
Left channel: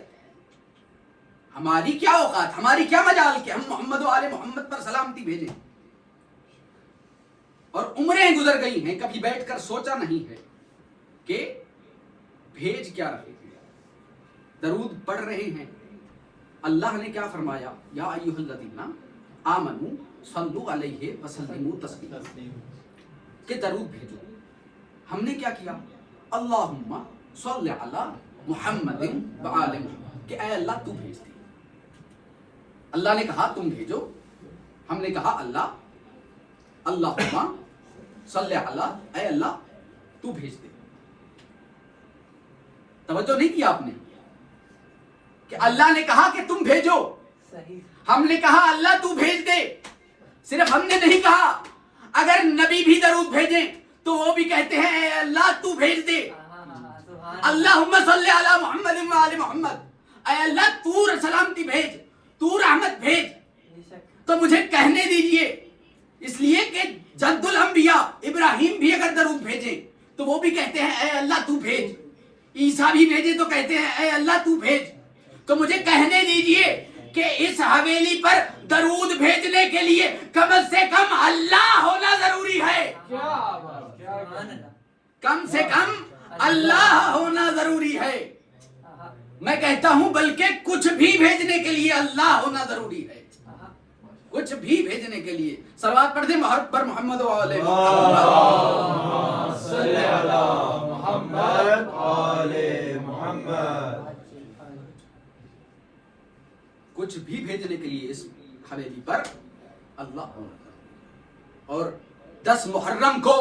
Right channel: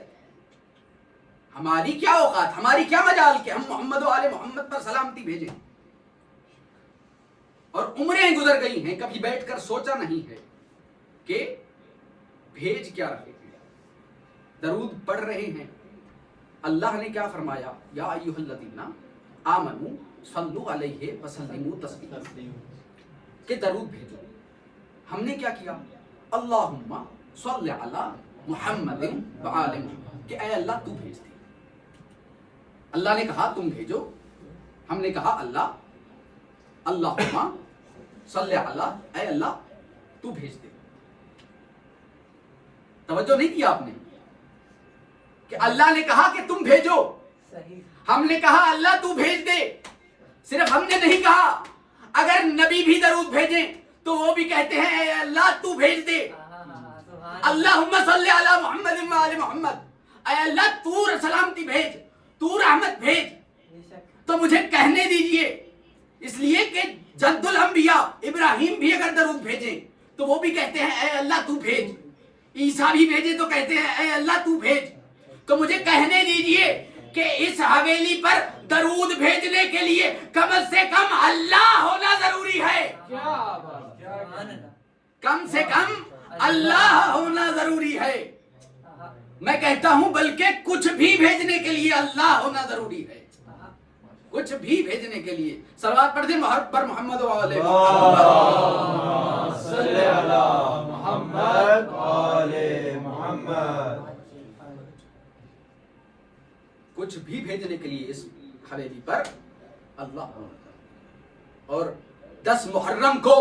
ہماری کیا اوقات، ہماری کیا مجال کہ ہم محمد و آل محمد پر سلامتی بھیجیں؟ اور عمریں گزر گئی ہیں، کبھی بیٹھ کر سوچا نہیں ہے کہ بھیج کیا رہے ہیں. درود پڑھ رہے ہیں. اللہ نے کیا فرمایا؟ یا ایھا الذین آمنوا صلوا علیہ وسلموا تسلیما، کہ درود بھیجو. ہم نے کیا کیا؟ اللہم صل علی محمد و آل محمد، کہ اے اللہ تو بھیج دے. اللہ نے کہا تم بھیجو، ہم نے کہا اللہ اللہم صل علی، اے اللہ تو بھیج دے. توجہ نہیں کیا آپ نے کہ اللہ نے کہا کہ تم بھیجو، ہم نے کہا اللہ تو بھیج دے. صرف ہم نے نہیں کہا، اگر نبی بھی درود بھیجیں تو وہ بھی کہتے ہیں اے اللہ تو بھیج دے. اللہم صلی علی محمد و آل محمد، اے اللہ تو سلامتی بھیج، تو رحمت بھیج. تو مجھے کہنے دیجئے، اس لیے کہ جد الانبیاء ابراہیم بھی اگر درود بھیجیں تو وہ بھی کہتے ہیں اے اللہ تو بھیج. عیسیٰ بھی بھیجے تو کہتے ہیں اے اللہ تو بھیج. تو مجھے کہنے دیجئے کہ اس حویلی پر درود بھیجنے کے لیے کم سے کم اللہ ہونا ضروری ہے. کم سے کم اللہ ہونا ضروری ہے. میں کہتا ہوں بلکہ کچھ بھی بھیجنے کے لیے اللہ ہونا ضروری ہے. کچھ بھی بھیجنے کے لیے صلوات پڑھ دیں پر محمد و آل محمد. کچھ بھی بھیجنے کے لیے اس حویلی پر اللہ ہونا. اور 10 محرم کو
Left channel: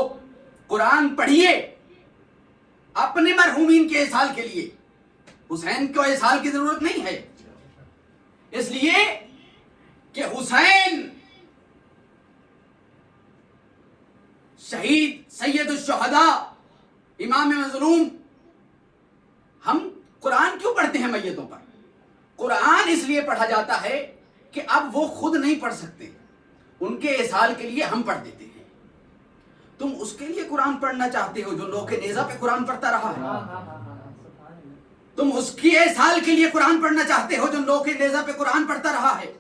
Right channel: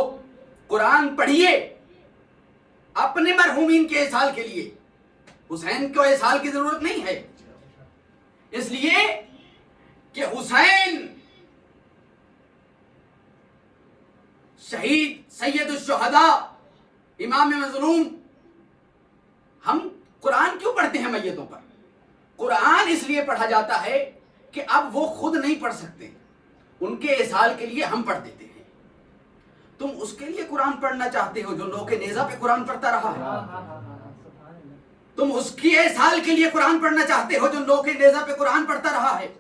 قرآن پڑھیے اپنے مرحومین کے احسال کے لیے. حسین کو احسال کی ضرورت نہیں ہے، اس لیے کہ حسین شہید سید الشہداء امام مظلوم. ہم قرآن کیوں پڑھتے ہیں میتوں پر. قرآن اس لیے پڑھا جاتا ہے کہ اب وہ خود نہیں پڑھ سکتے, ان کے اصال کے لیے ہم پڑھ دیتے ہیں. تم اس کے لیے قرآن پڑھنا چاہتے ہو جو لوہ نیزہ پہ قرآن پڑھتا رہا ہے. تم اس کی اصال کے لیے قرآن پڑھنا چاہتے ہو جو لوہ نیزہ پہ قرآن پڑھتا رہا ہے.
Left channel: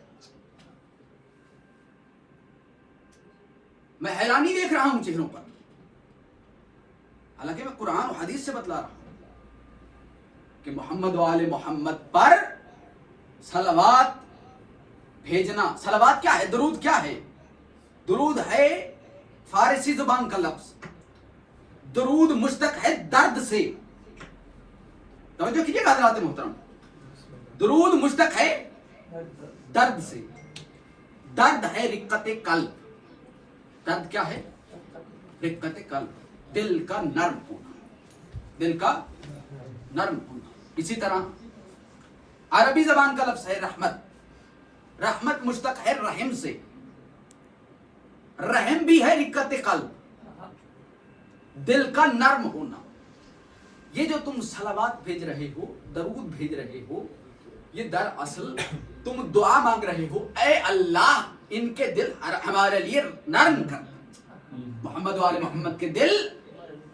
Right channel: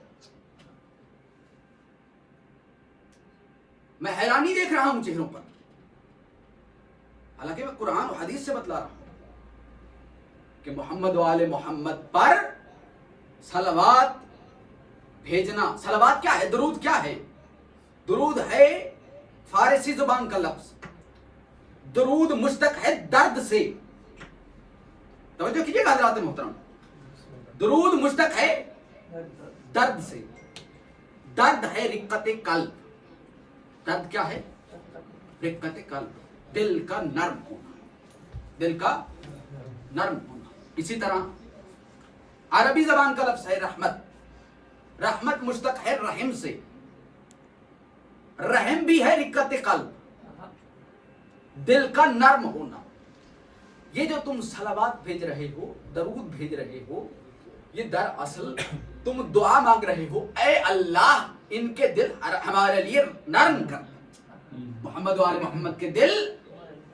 میں حیرانی دیکھ رہا ہوں چہروں پر, حالانکہ میں قرآن و حدیث سے بتلا رہا ہوں کہ محمد و آل محمد پر صلوات بھیجنا. صلوات کیا ہے؟ درود کیا ہے؟ درود ہے فارسی زبان کا لفظ. درود مشتق ہے درد سے. توجہ کیجیے گا حضرات محترم, درود مشتق ہے درد سے. درد ہے رقت قلب. درد کیا ہے؟ رقت قلب, دل کا نرم ہونا, دل کا نرم ہونا. اسی طرح عربی زبان کا لفظ ہے رحمت. رحمت مشتق ہے رحم سے. رحم بھی ہے رقت قلب, دل کا نرم ہونا. یہ جو تم صلوات بھیج رہے ہو, درود بھیج رہے ہو, یہ دراصل تم دعا مانگ رہے ہو, اے اللہ ان کے دل ہمارے لیے نرم کر. محمد و آل محمد کے دل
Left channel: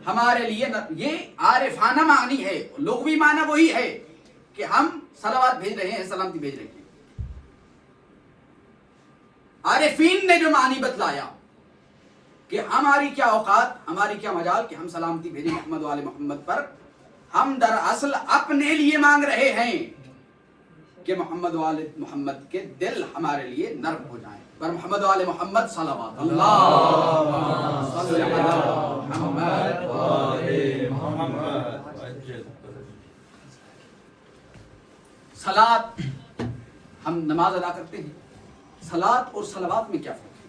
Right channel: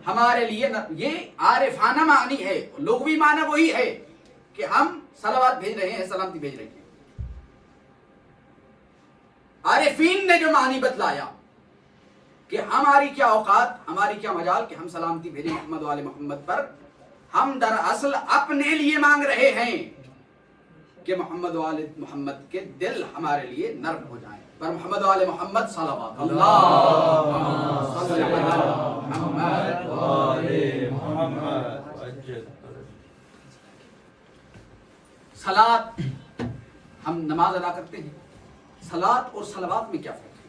ہمارے لیے یہ عارفانہ معنی ہے, لغوی معنی وہی ہے کہ ہم صلوات بھیج رہے ہیں, سلامتی بھیج رہے ہیں. عارفین نے جو معنی بتلایا کہ ہماری کیا اوقات, ہماری کیا مجال کہ ہم سلامتی بھیجیں محمد و آل محمد پر, ہم دراصل اپنے لیے مانگ رہے ہیں کہ محمد و آل محمد کے دل ہمارے لیے نرم ہو جائیں. پر محمد و آل محمد صلوات اللہ صلی محمد و آل محمد. صلاۃ, ہم نماز ادا کرتے ہیں, صلاۃ اور صلوات میں کیا فرق ہے؟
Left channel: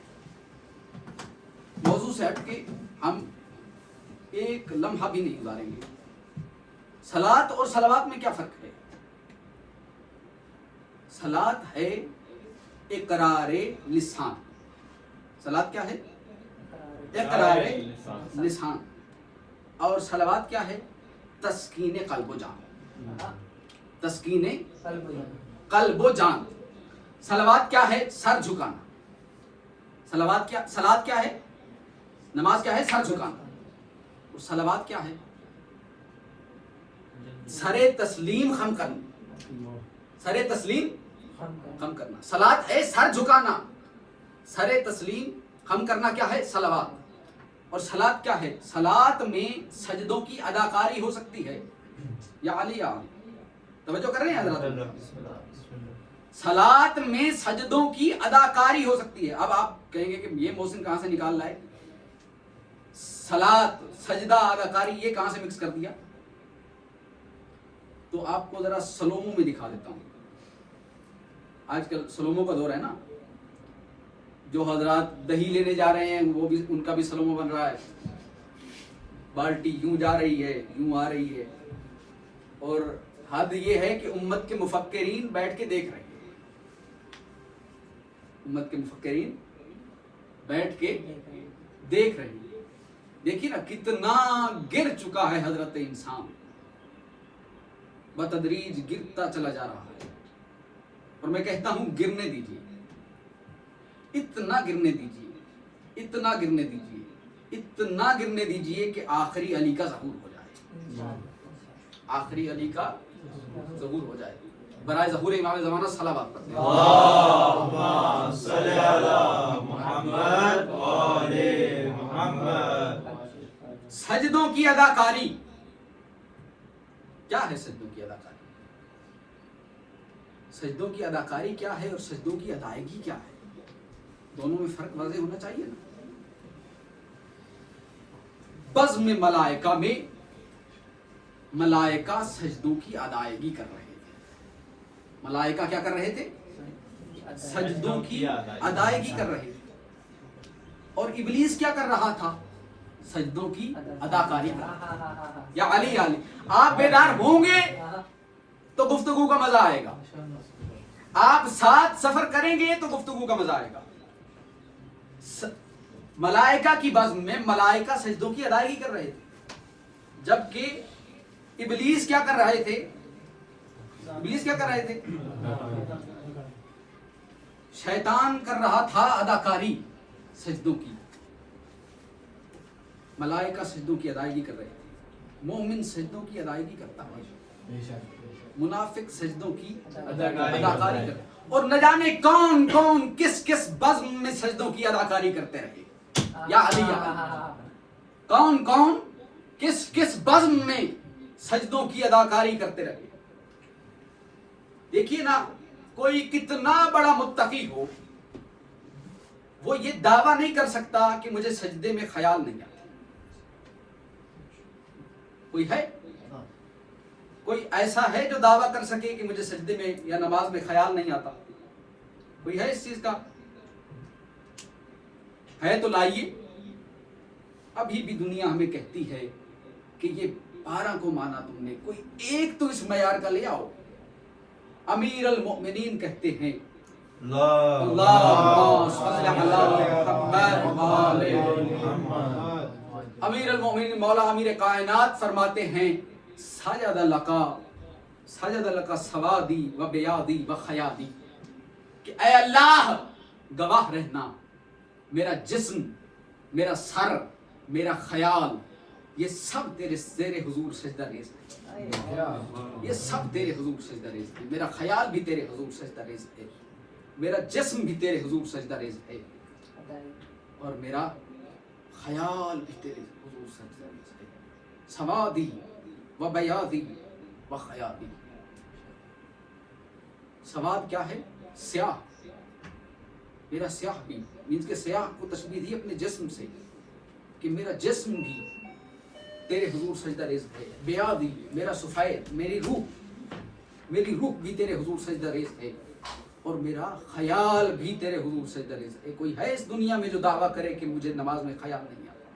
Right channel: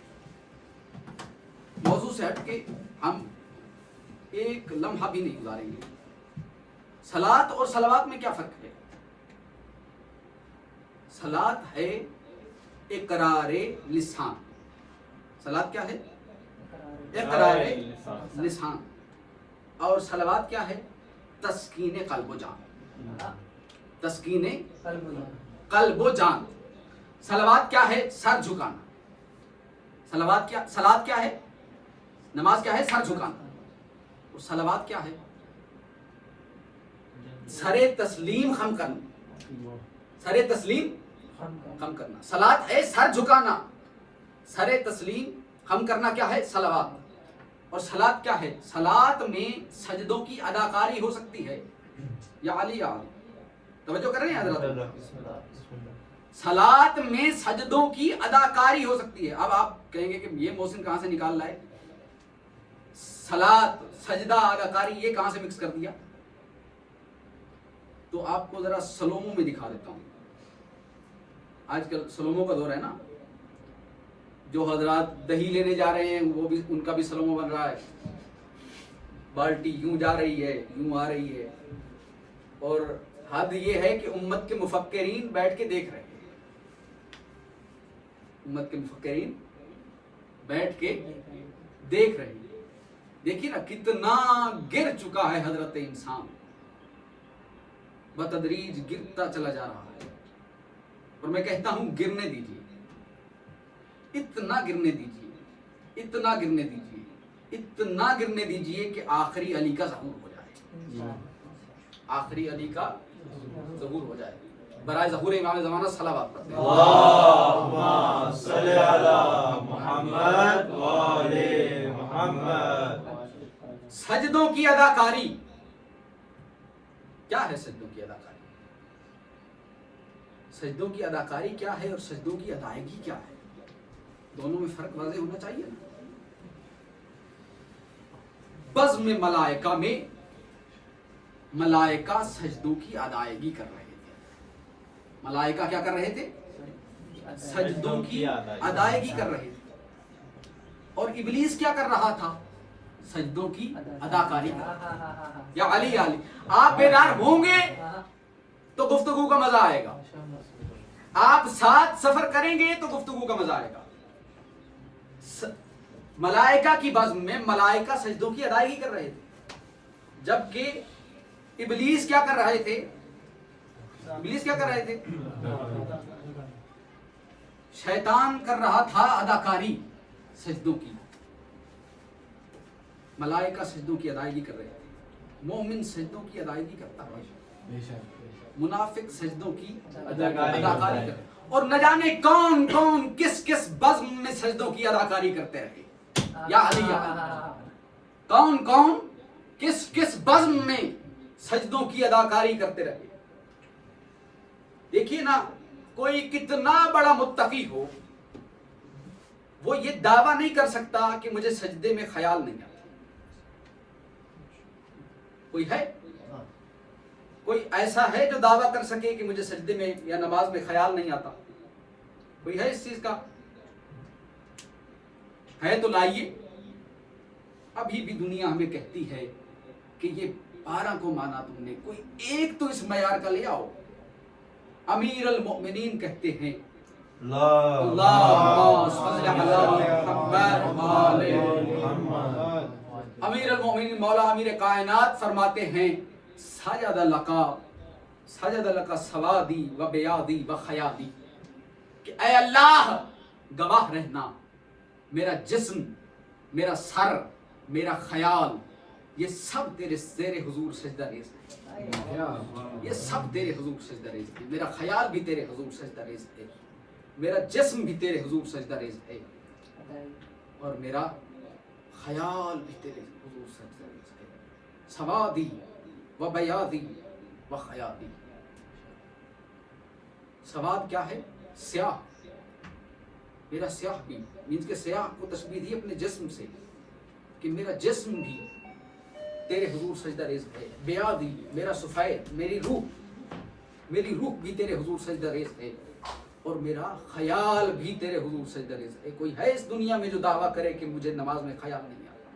موضوع سے ہٹ کے ہم ایک لمحہ بھی نہیں گزاریں گے. صلاۃ اور صلوات میں کیا فرق ہے؟ صلاۃ ہے اقرار لسان. صلاۃ کیا ہے؟ اقرار لسان. اور صلوات کیا ہے؟ تسکین قلب و جان. تسکین قلب و جان. صلوات کیا ہے؟ سر جھکانا. صلوات کیا ہے؟ نماز کیا ہے؟ سر جھکانا. اور صلوات کیا ہے؟ سر تسلیم خم کرنا. سر تسلیم خم کرنا. صلوات ہے سر جھکانا, سر تسلیم خم کرنا کیا ہے؟ صلوات. اور صلوات کیا ہے؟ صلوات میں سجدوں کی اداکاری ہو سکتی ہے. یا علی یا علی, توجہ کر رہے ہیں حضرات؟ صلوات میں سجدوں کی اداکاری ہو سکتی ہے. اب آپ کہیں گے کہ یہ محسن کہاں سے نکال لائے؟ صلوات, سجدہ, اداکاری یہ کہاں سے مکس کر دیا؟ تو آپ کو ذرا سلوموں میں دکھا دیتا ہوں. آج کل سلوموں کا دور ہے نا, جو حضرات دہی لینے جا رہے ہیں وہ بھی, ان کا بھی سلومو بن رہا ہے. بالٹی یوں جا رہی ہے, یوں آ رہی ہے. اور حد یہ ہے کہ امت کے مفکرین بیٹھ کے دیکھ رہے ہیں. امت کے مفکرین بیٹھ کے دیکھ رہے ہیں. دیکھیے نا کتنا گر چکا ہے حضرت انسان, بتدریج گرتا چلا جا رہا ہے. اور میں کہتا ہوں گرنے دیجیے, اتنا گرنے دیجیے, اتنا گرنے دیجیے, اتنا گرنے دیجیے کہ آخری علی کا ظہور ہو جائے. آخری علی کا ظہور ہو جائے. برائے ظہور امام زمانہ صلوات پڑھتے ہیں. اللہم صلی علی محمد و آل محمد. سجدوں کی اداکاری کیا ہے؟ سجدوں کی اداکاری, سجدوں کی اداکاری کیا ہے اور سجدوں کی ادائیگی کیا ہے؟ دونوں میں فرق واضح ہونا چاہیے نا. بزم ملائکہ میں ملائکہ سجدوں کی ادائیگی کر رہے تھے. ملائکہ کیا کر رہے تھے؟ سجدوں کی ادائیگی کر رہے تھے. اور ابلیس کیا کر رہا تھا؟ سجدوں کی اداکاری کر رہا تھا. یا علی علی, آپ بیدار ہوں گے تو گفتگو کا مزہ آئے گا. آپ ساتھ سفر کریں گے تو گفتگو کا مزہ آئے گا. ملائکہ کی بزم میں ملائکہ سجدوں کی ادائیگی کر رہے تھے, جبکہ ابلیس کیا کر رہے تھے؟ ابلیس کیا کر رہے تھے؟ شیطان کر رہا تھا اداکاری سجدوں کی، ملائکہ سجدوں کی ادائیگی کر رہے تھے، مومن سجدوں کی ادائیگی کرتا ہے، منافق سجدوں کی اداکاری کرتا، اور نہ جانے کون کون کس کس بزم میں سجدوں کی اداکاری کرتے رہے، یا علی یا علی، کون کون کس کس بزم میں سجدوں کی اداکاری کرتے رہے۔ دیکھیے نا، کوئی کتنا بڑا متقی ہو، وہ یہ دعویٰ نہیں کر سکتا کہ مجھے سجدے میں خیال نہیں آتا۔ کوئی ہے؟ کوئی ایسا ہے جو دعویٰ کر سکے کہ مجھے سجدے میں یا نماز میں خیال نہیں آتا؟ کوئی ہے اس چیز کا؟ ہے تو لائیے۔ ابھی بھی دنیا ہمیں کہتی ہے کہ یہ 12 کو مانا تم نے، کوئی ایک تو اس معیار کا لے آؤ۔ امیر المؤمنین کہتے ہیں اللہم صلی علی محمد وآل محمد۔ امیر المؤمنین مولا امیر کائنات فرماتے ہیں سجد لک سوادی و بیادی و خیادی، کہ اے اللہ گواہ رہنا، میرا جسم، میرا سر، میرا خیال، یہ سب تیرے زیر حضور سجدہ ریز ہے، یہ سب تیرے حضور سجدہ ریز ہے، میرا خیال بھی تیرے حضور سجدہ ریز ہے، میرا جسم بھی تیرے حضور سجدہ ریز ہے، اور میرا خیال بھی تیرے حضور سجدہ ریز ہے۔ سوادی و بیادی و خیادی، سواد کیا ہے؟ سیاہ، میرا سیاہ بھی، مینس کہ سیاہ کو تشبیہ دی اپنے جسم سے، کہ میرا جسم بھی تیرے حضور سجدہ ریز ہے۔ بیادی، میرا سفید، میری روح بھی تیرے حضور سجدہ ریز ہے، اور میرا خیال بھی تیرے حضور سجدہ ریز ہے۔ کوئی ہے اس دنیا میں جو دعویٰ کرے کہ مجھے نماز میں خیال نہیں آتا؟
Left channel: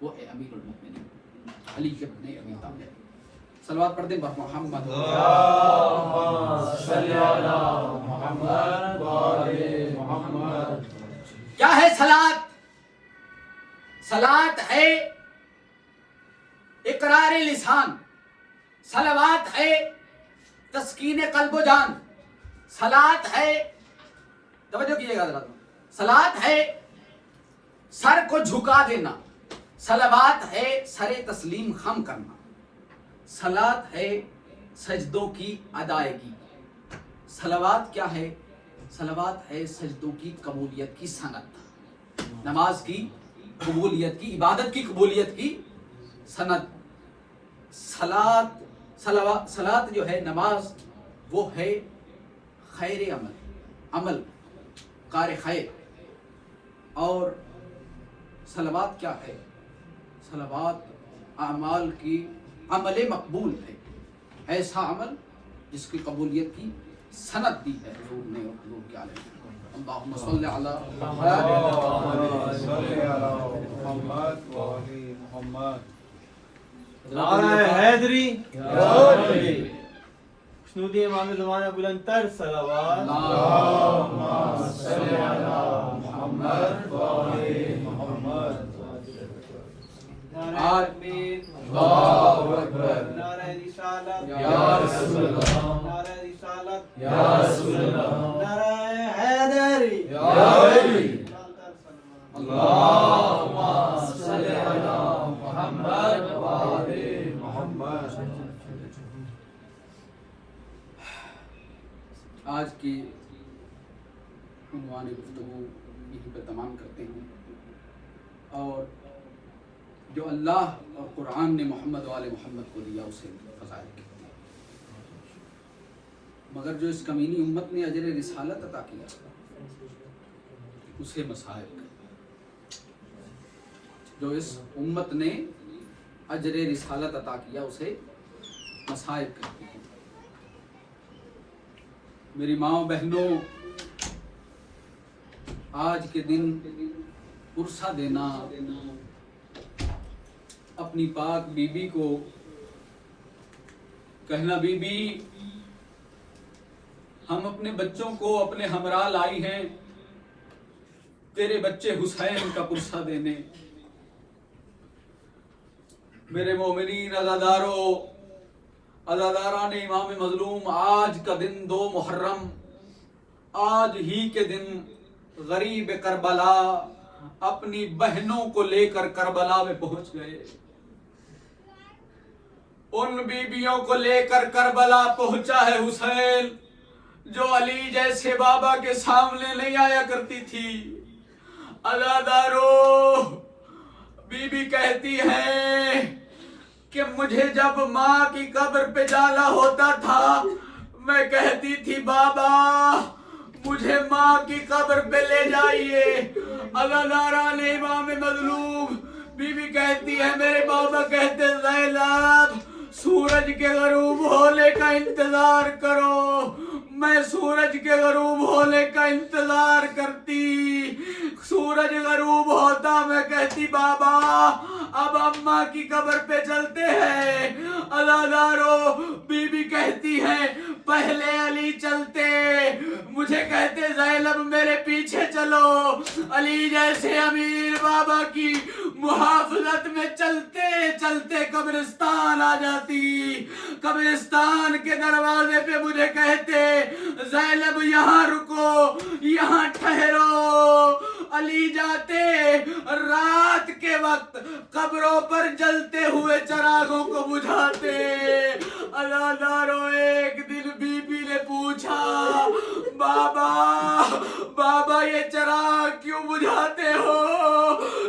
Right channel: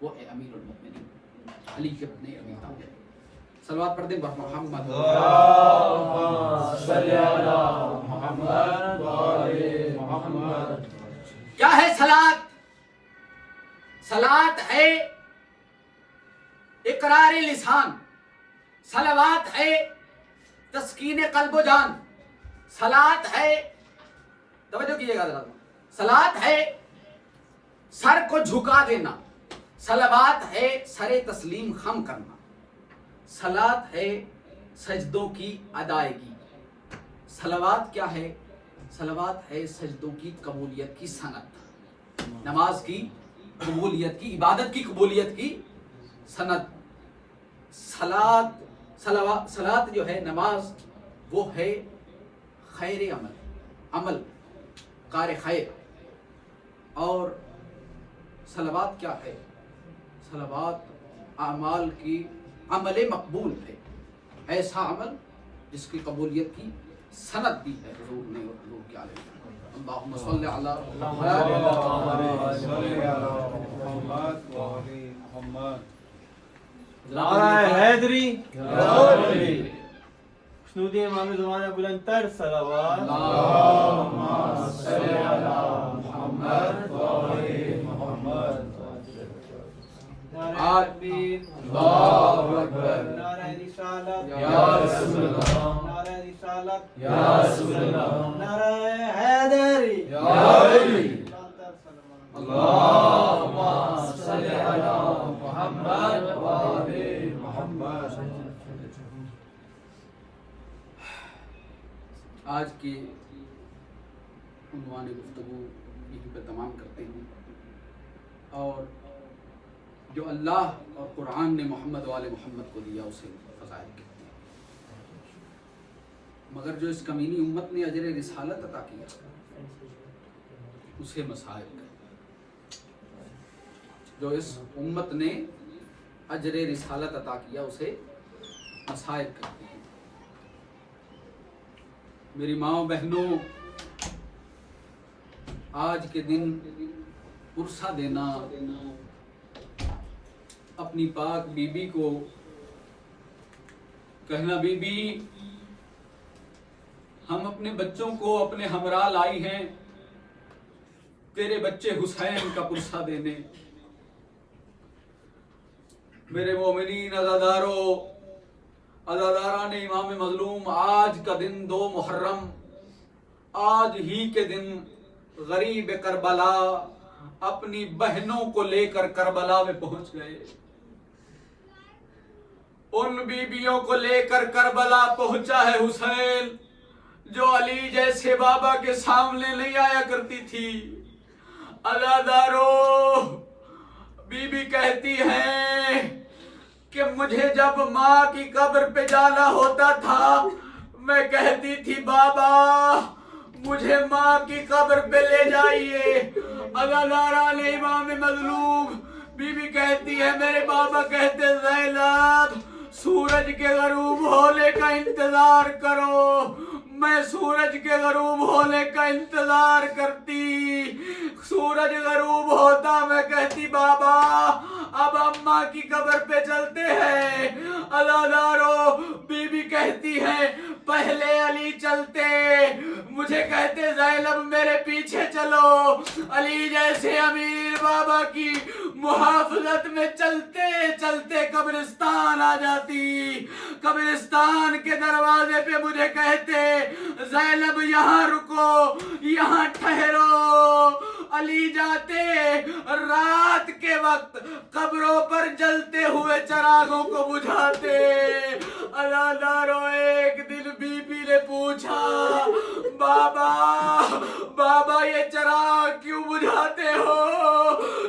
وہ ہے امیر المؤمنین علی ابن ابی طالب۔ صلوات پڑھ دیں محمد صلی علی محمد وآل محمد۔ کیا ہے صلاۃ؟ صلاۃ ہے اقرار لسان، صلوات ہے تسکین قلب و جان، صلاۃ ہے، توجہ کیجئے گا ذرا، صلاۃ ہے سر کو جھکا دینا، صلوات ہے سر تسلیم خم کرنا، صلاۃ ہے سجدوں کی ادائیگی۔ صلوات کیا ہے؟ صلوات ہے سجدوں کی قبولیت کی سند، نماز کی قبولیت کی، عبادت کی قبولیت کی سند۔ صلاۃ جو ہے نماز، وہ ہے خیر عمل کار خیر، اور صلوات کیا ہے؟ صلوات اعمال کی عمل مقبول ہے، ایسا عمل جس کی قبولیت کی سند دی ہے حضور نے اور حضور کے عالم۔ اللہم صلی علی محمد۔ نعرہ حیدری، خشنود امام زمانہ بلندتر صلوات۔ اللہم صلی علی محمد وآل محمد۔ اللہ اکبر، نعرہ رسالت یا رسول اللہ، نعرہ رسالت یا رسول اللہ، نعرہ حیدری یا علی۔ اللہم صلی علی محمد وآل محمد۔ آج کی عنوان گفتگو یہیں پہ تمام کرتے ہیں، اور جو اللہ اور قرآن نے محمد وآل محمد کو دیا اسے فضائل کہتے ہیں، مگر جو اس کمینی امت نے اجر رسالت عطا کیا اسے مصائب کہتے ہیں۔ جو اس امت نے اجر رسالت عطا کیا اسے مصائب کہتے ہیں۔ میری ماں بہنوں، آج کے دن عرصہ دینا، اپنی پاک بی بی کو کہنا بی بی ہم اپنے بچوں کو اپنے ہمراہ لائی ہیں تیرے بچے حسین کا پرسہ دینے۔ میرے مومنین عزادارو، عزاداران امام مظلوم، آج کا دن 2 محرم، آج ہی کے دن غریب کربلا اپنی بہنوں کو لے کر کربلا میں پہنچ گئے. ان بیبیوں کو لے کر کربلا پہنچا ہے حسین، جو علی جیسے بابا کے سامنے نہیں آیا کرتی تھی. عزادارو، بی بی کہتی ہے کہ مجھے جب ماں کی قبر پہ جانا ہوتا تھا میں کہتی تھی بابا مجھے ماں کی قبر پہ لے جائیے. عزاداران امام مظلوم، بی بی کہتی ہے میرے بابا کہتے زینب سورج کے غروب ہونے کا انتظار کرو. میں سورج کے غروب ہونے کا انتظار کرتی. سورج غروب ہوتا میں کہتی بابا اب اماں کی قبر پہ چلتے ہیں. عزادارو، بی بی کہتی ہے پہلے علی چلتے، مجھے کہتے زینب میرے پیچھے چلو. علی جیسے امیر بابا کی محافظت میں چلتے چلتے قبرستان آ جاتی. قبرستان کے دروازے پہ مجھے کہتے زینب یہاں رکو، یہاں ٹھہرو. علی جاتے رات کے وقت قبروں پر جلتے ہوئے چراغوں کو بجھاتے. عزادارو، ایک دن بی بی نے پوچھا بابا یہ چراغ کیوں بجھاتے ہو؟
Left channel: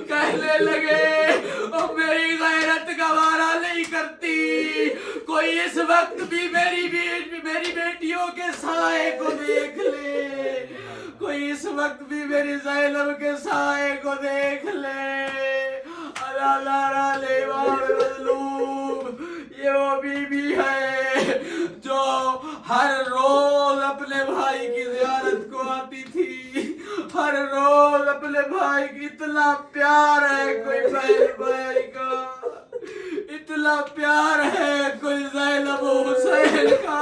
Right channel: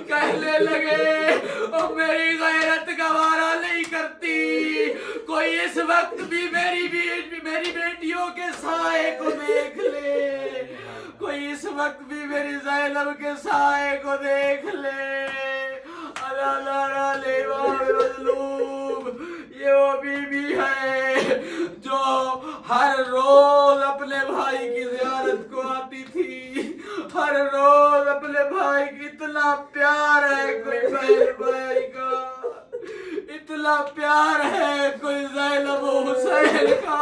کہنے لگے میری غیرت گوارا نہیں کرتی کوئی اس وقت بھی میری بیٹیوں کے سائے کو دیکھ لے، کوئی اس وقت بھی میری زینب کے سائے کو دیکھ لے. عزاداران امام مظلوم، یہ وہ بی بی ہے جو ہر روز اپنے بھائی کی زیارت کو آتی تھی. ہر روز اپنے بھائی کی اتنا پیار ہے کوئی بھائی کا، اتنا پیار ہے کوئی زینب و حسین کا.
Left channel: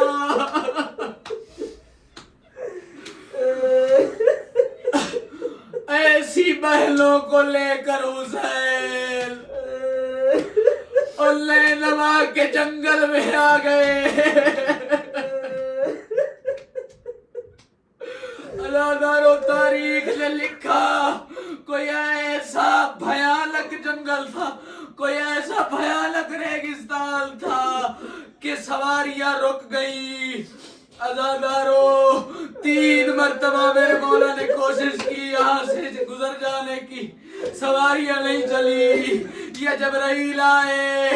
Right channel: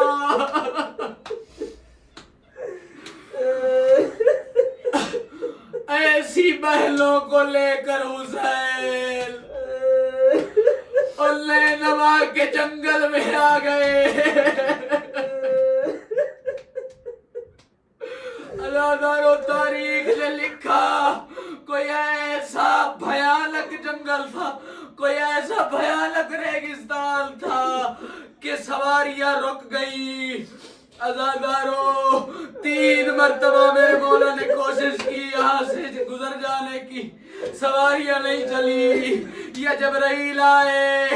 ایسی بہنوں کو لے کر حسین اور نینوا کے جنگل میں آ گئے. عزادارو، تاریخ نے لکھا کوئی ایسا بھیانک جنگل تھا، کوئی ایسا بھیانک ریگستان تھا کہ سواریاں رک گئی. عزادارو، 3 مرتبہ میرے مولا نے کوشش کی یہاں سے گزر جانے کی، سواریاں نہیں چلی. یہ جبرائیل آئے،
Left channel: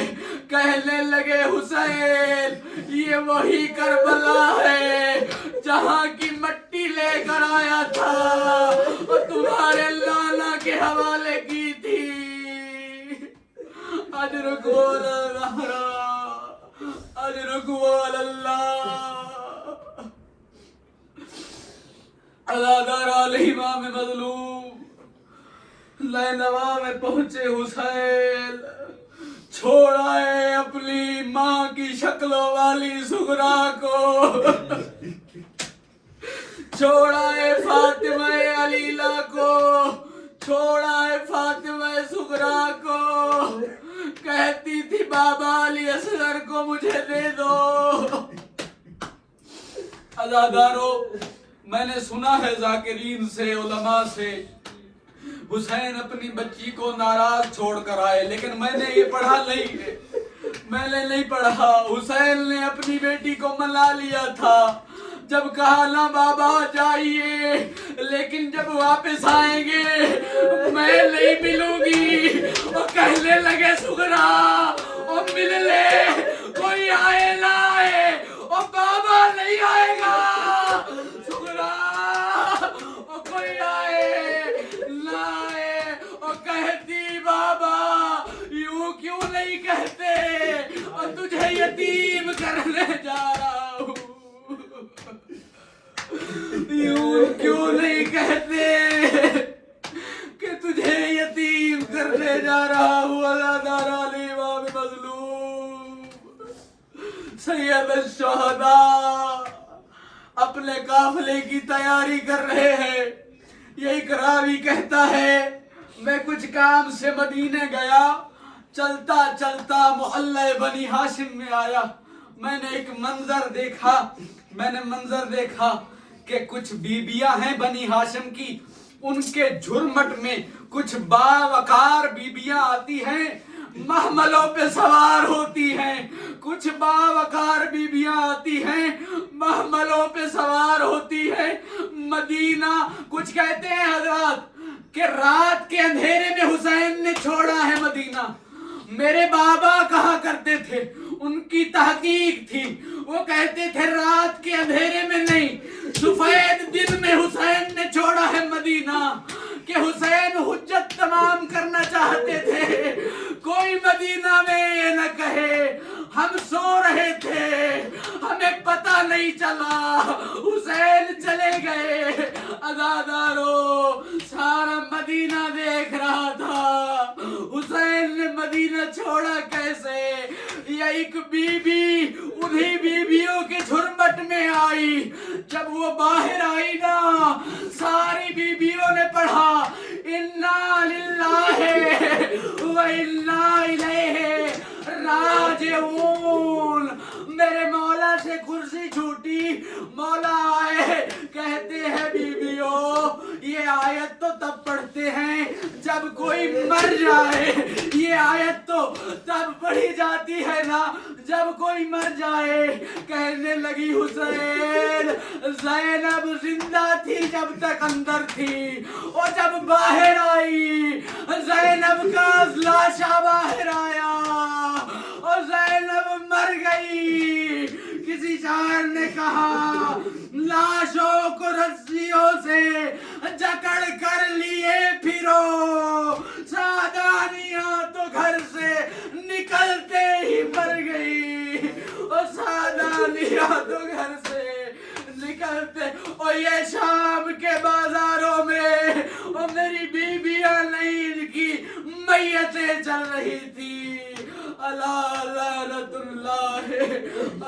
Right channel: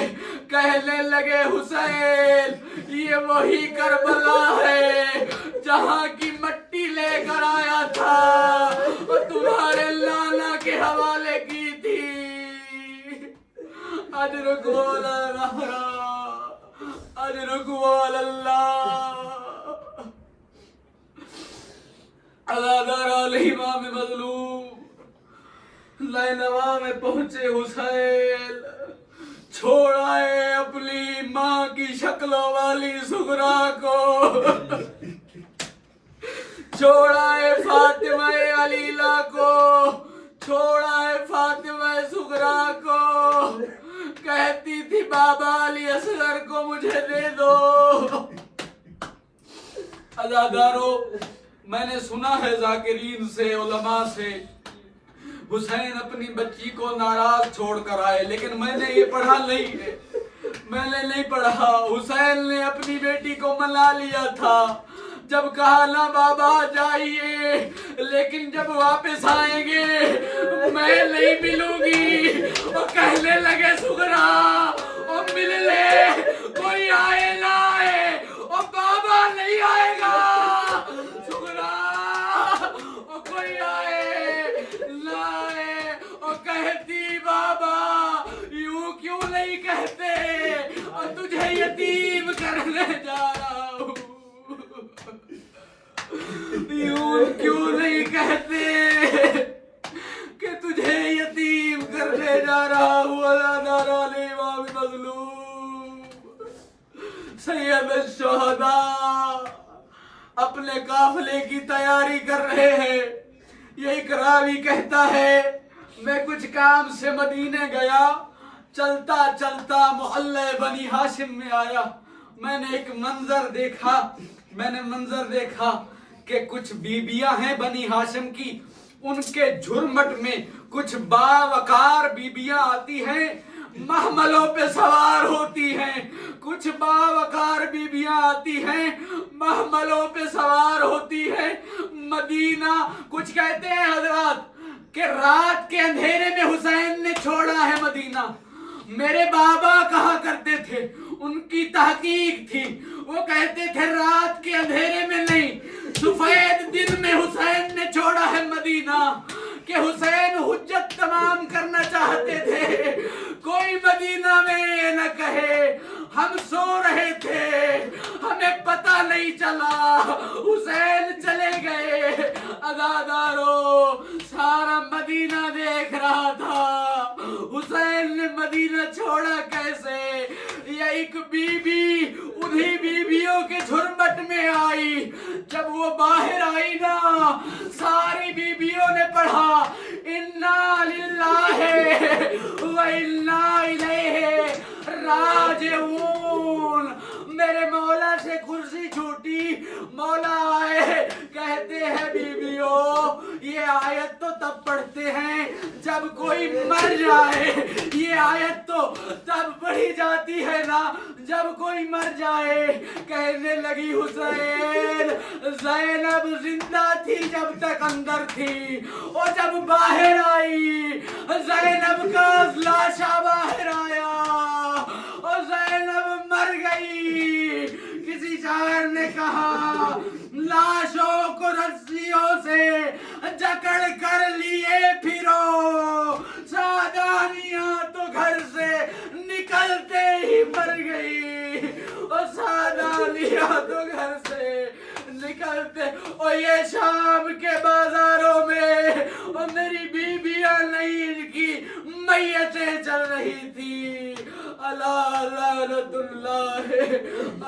کہنے لگے حسین یہ وہی کربلا ہے جہاں کی مٹی لے کر آیا تھا اور تمہارے لالا کے حوالے کی تھی. اجرکم اللہ. عزاداران امام مظلوم، نینوا میں پہنچے حسین، چھوڑائے اپنی ماں کی شکلوں والی سغرا کو، چھوڑائے فاطمہ علیلہ کو، چھوڑائے فاطمہ سغرا کو. کہتی تھی بابا علی اصغر کو مجھے دے دو. عزادارو، میں نے سنا ہے ذاکرین سے، علماء سے، حسین اپنی بچی کو ناراض چھوڑ کر آئے، لیکن میں نے یہ پڑھا نہیں ہے، میں نے نہیں پڑھا. حسین نے اپنی بیٹی کو منا لیا تھا، جب کہا نہ بابا جائیے، لیکن جب واپس آئیں گے میں نہیں ملوں گی. اور کہنے لگے سغرا اور مل لے، کوئی آئے نہ آئے اور بابا نہیں آئے گا. سغرا اور کوئی آئے نہ آئے اور کہتی بابا یوں کیوں نہیں کہتے اور تجھے یتیم کرنے جا رہا ہوں. یوں کیوں نہیں کہتے کہ تجھے یتیم کرنے جا رہا ہوں. عزاداران امام مظلوم، سید الشہداء اپنے قافلے کی تیاری کر رہے ہیں. یہ ایک راوی کہتا ہے میں کچھ کام سے مدینے گیا، چلتا چلتا محلہ بنی ہاشم میں آیا. میں نے ایک منظر دیکھا کہ کچھ بیبیاں ہیں بنی ہاشم کی، ان کے جھرمٹ میں کچھ باوقار بیبیاں آتی ہیں، محملوں پہ سوار ہوتی ہیں، کچھ باوقار بیبیاں آتی ہیں، محملوں پہ سوار ہوتی ہیں مدینہ۔ کچھ کہتے ہیں حضرات کہ رات کے اندھیرے میں حسین نے چھوڑا ہے مدینہ۔ میرے بابا کہا کرتے تھے، ان کی تحقیق تھی، وہ کہتے تھے رات کے اندھیرے میں نہیں، سفید دن میں حسین نے چھوڑا ہے مدینہ، کہ حسین حجت تمام کرنا چاہتے تھے۔ کوئی مدینہ میں یہ نہ کہے ہم سو رہے تھے، ہمیں پتہ نہیں چلا، حسین چلے گئے۔ عزادارو، سارا مدینہ دیکھ رہا تھا حسین نے مدینہ چھوڑا کیسے۔ یہ ایک بی بی انہی بیویوں کے جھرمٹ میں آئی، جب وہ باہر آئی نا، ساری بیویوں نے پڑھا انا للہ و انا الیہ راجعون۔ میرے مولا سے کرسی چھوٹی، مولا آئے، کہتے ہیں بیویوں یہ آیت تو تب پڑھتے ہیں جب کوئی مر جائے، یہ آیت تو تب پڑھی جاتی ہے نا جب کوئی مر جائے۔ کہنے لگی حسین، زینب زندہ تھی جب تک اندر تھی، اور جب باہر آئی زینب کا لاشا باہر آیا اور زینب مر گئی۔ کسی شاعر نے کہا لاشوں کو رسیوں سے جکڑ کر لیے پھرو، سادانیاں تو گھر سے نکلتے ہی مر گئی، اور سادانیاں تو گھر سے نکلتے۔ اور یہ شام کے بازاروں میں اور میری بیویاں نہیں، ان کی میتیں چل رہی تھی۔ الا لعنت اللہ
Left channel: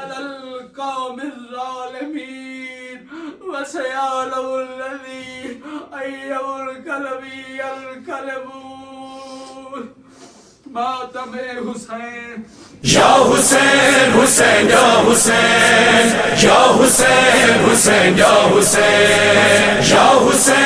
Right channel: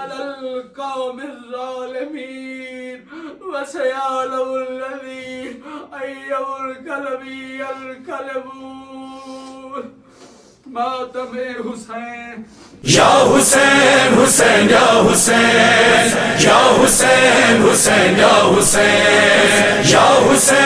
علی القوم الظالمین وسيعلم الذين أي الكلب ينقلبون۔ ماتم حسین، یا حسین حسین یا حسین، یا حسین حسین یا حسین، یا حسین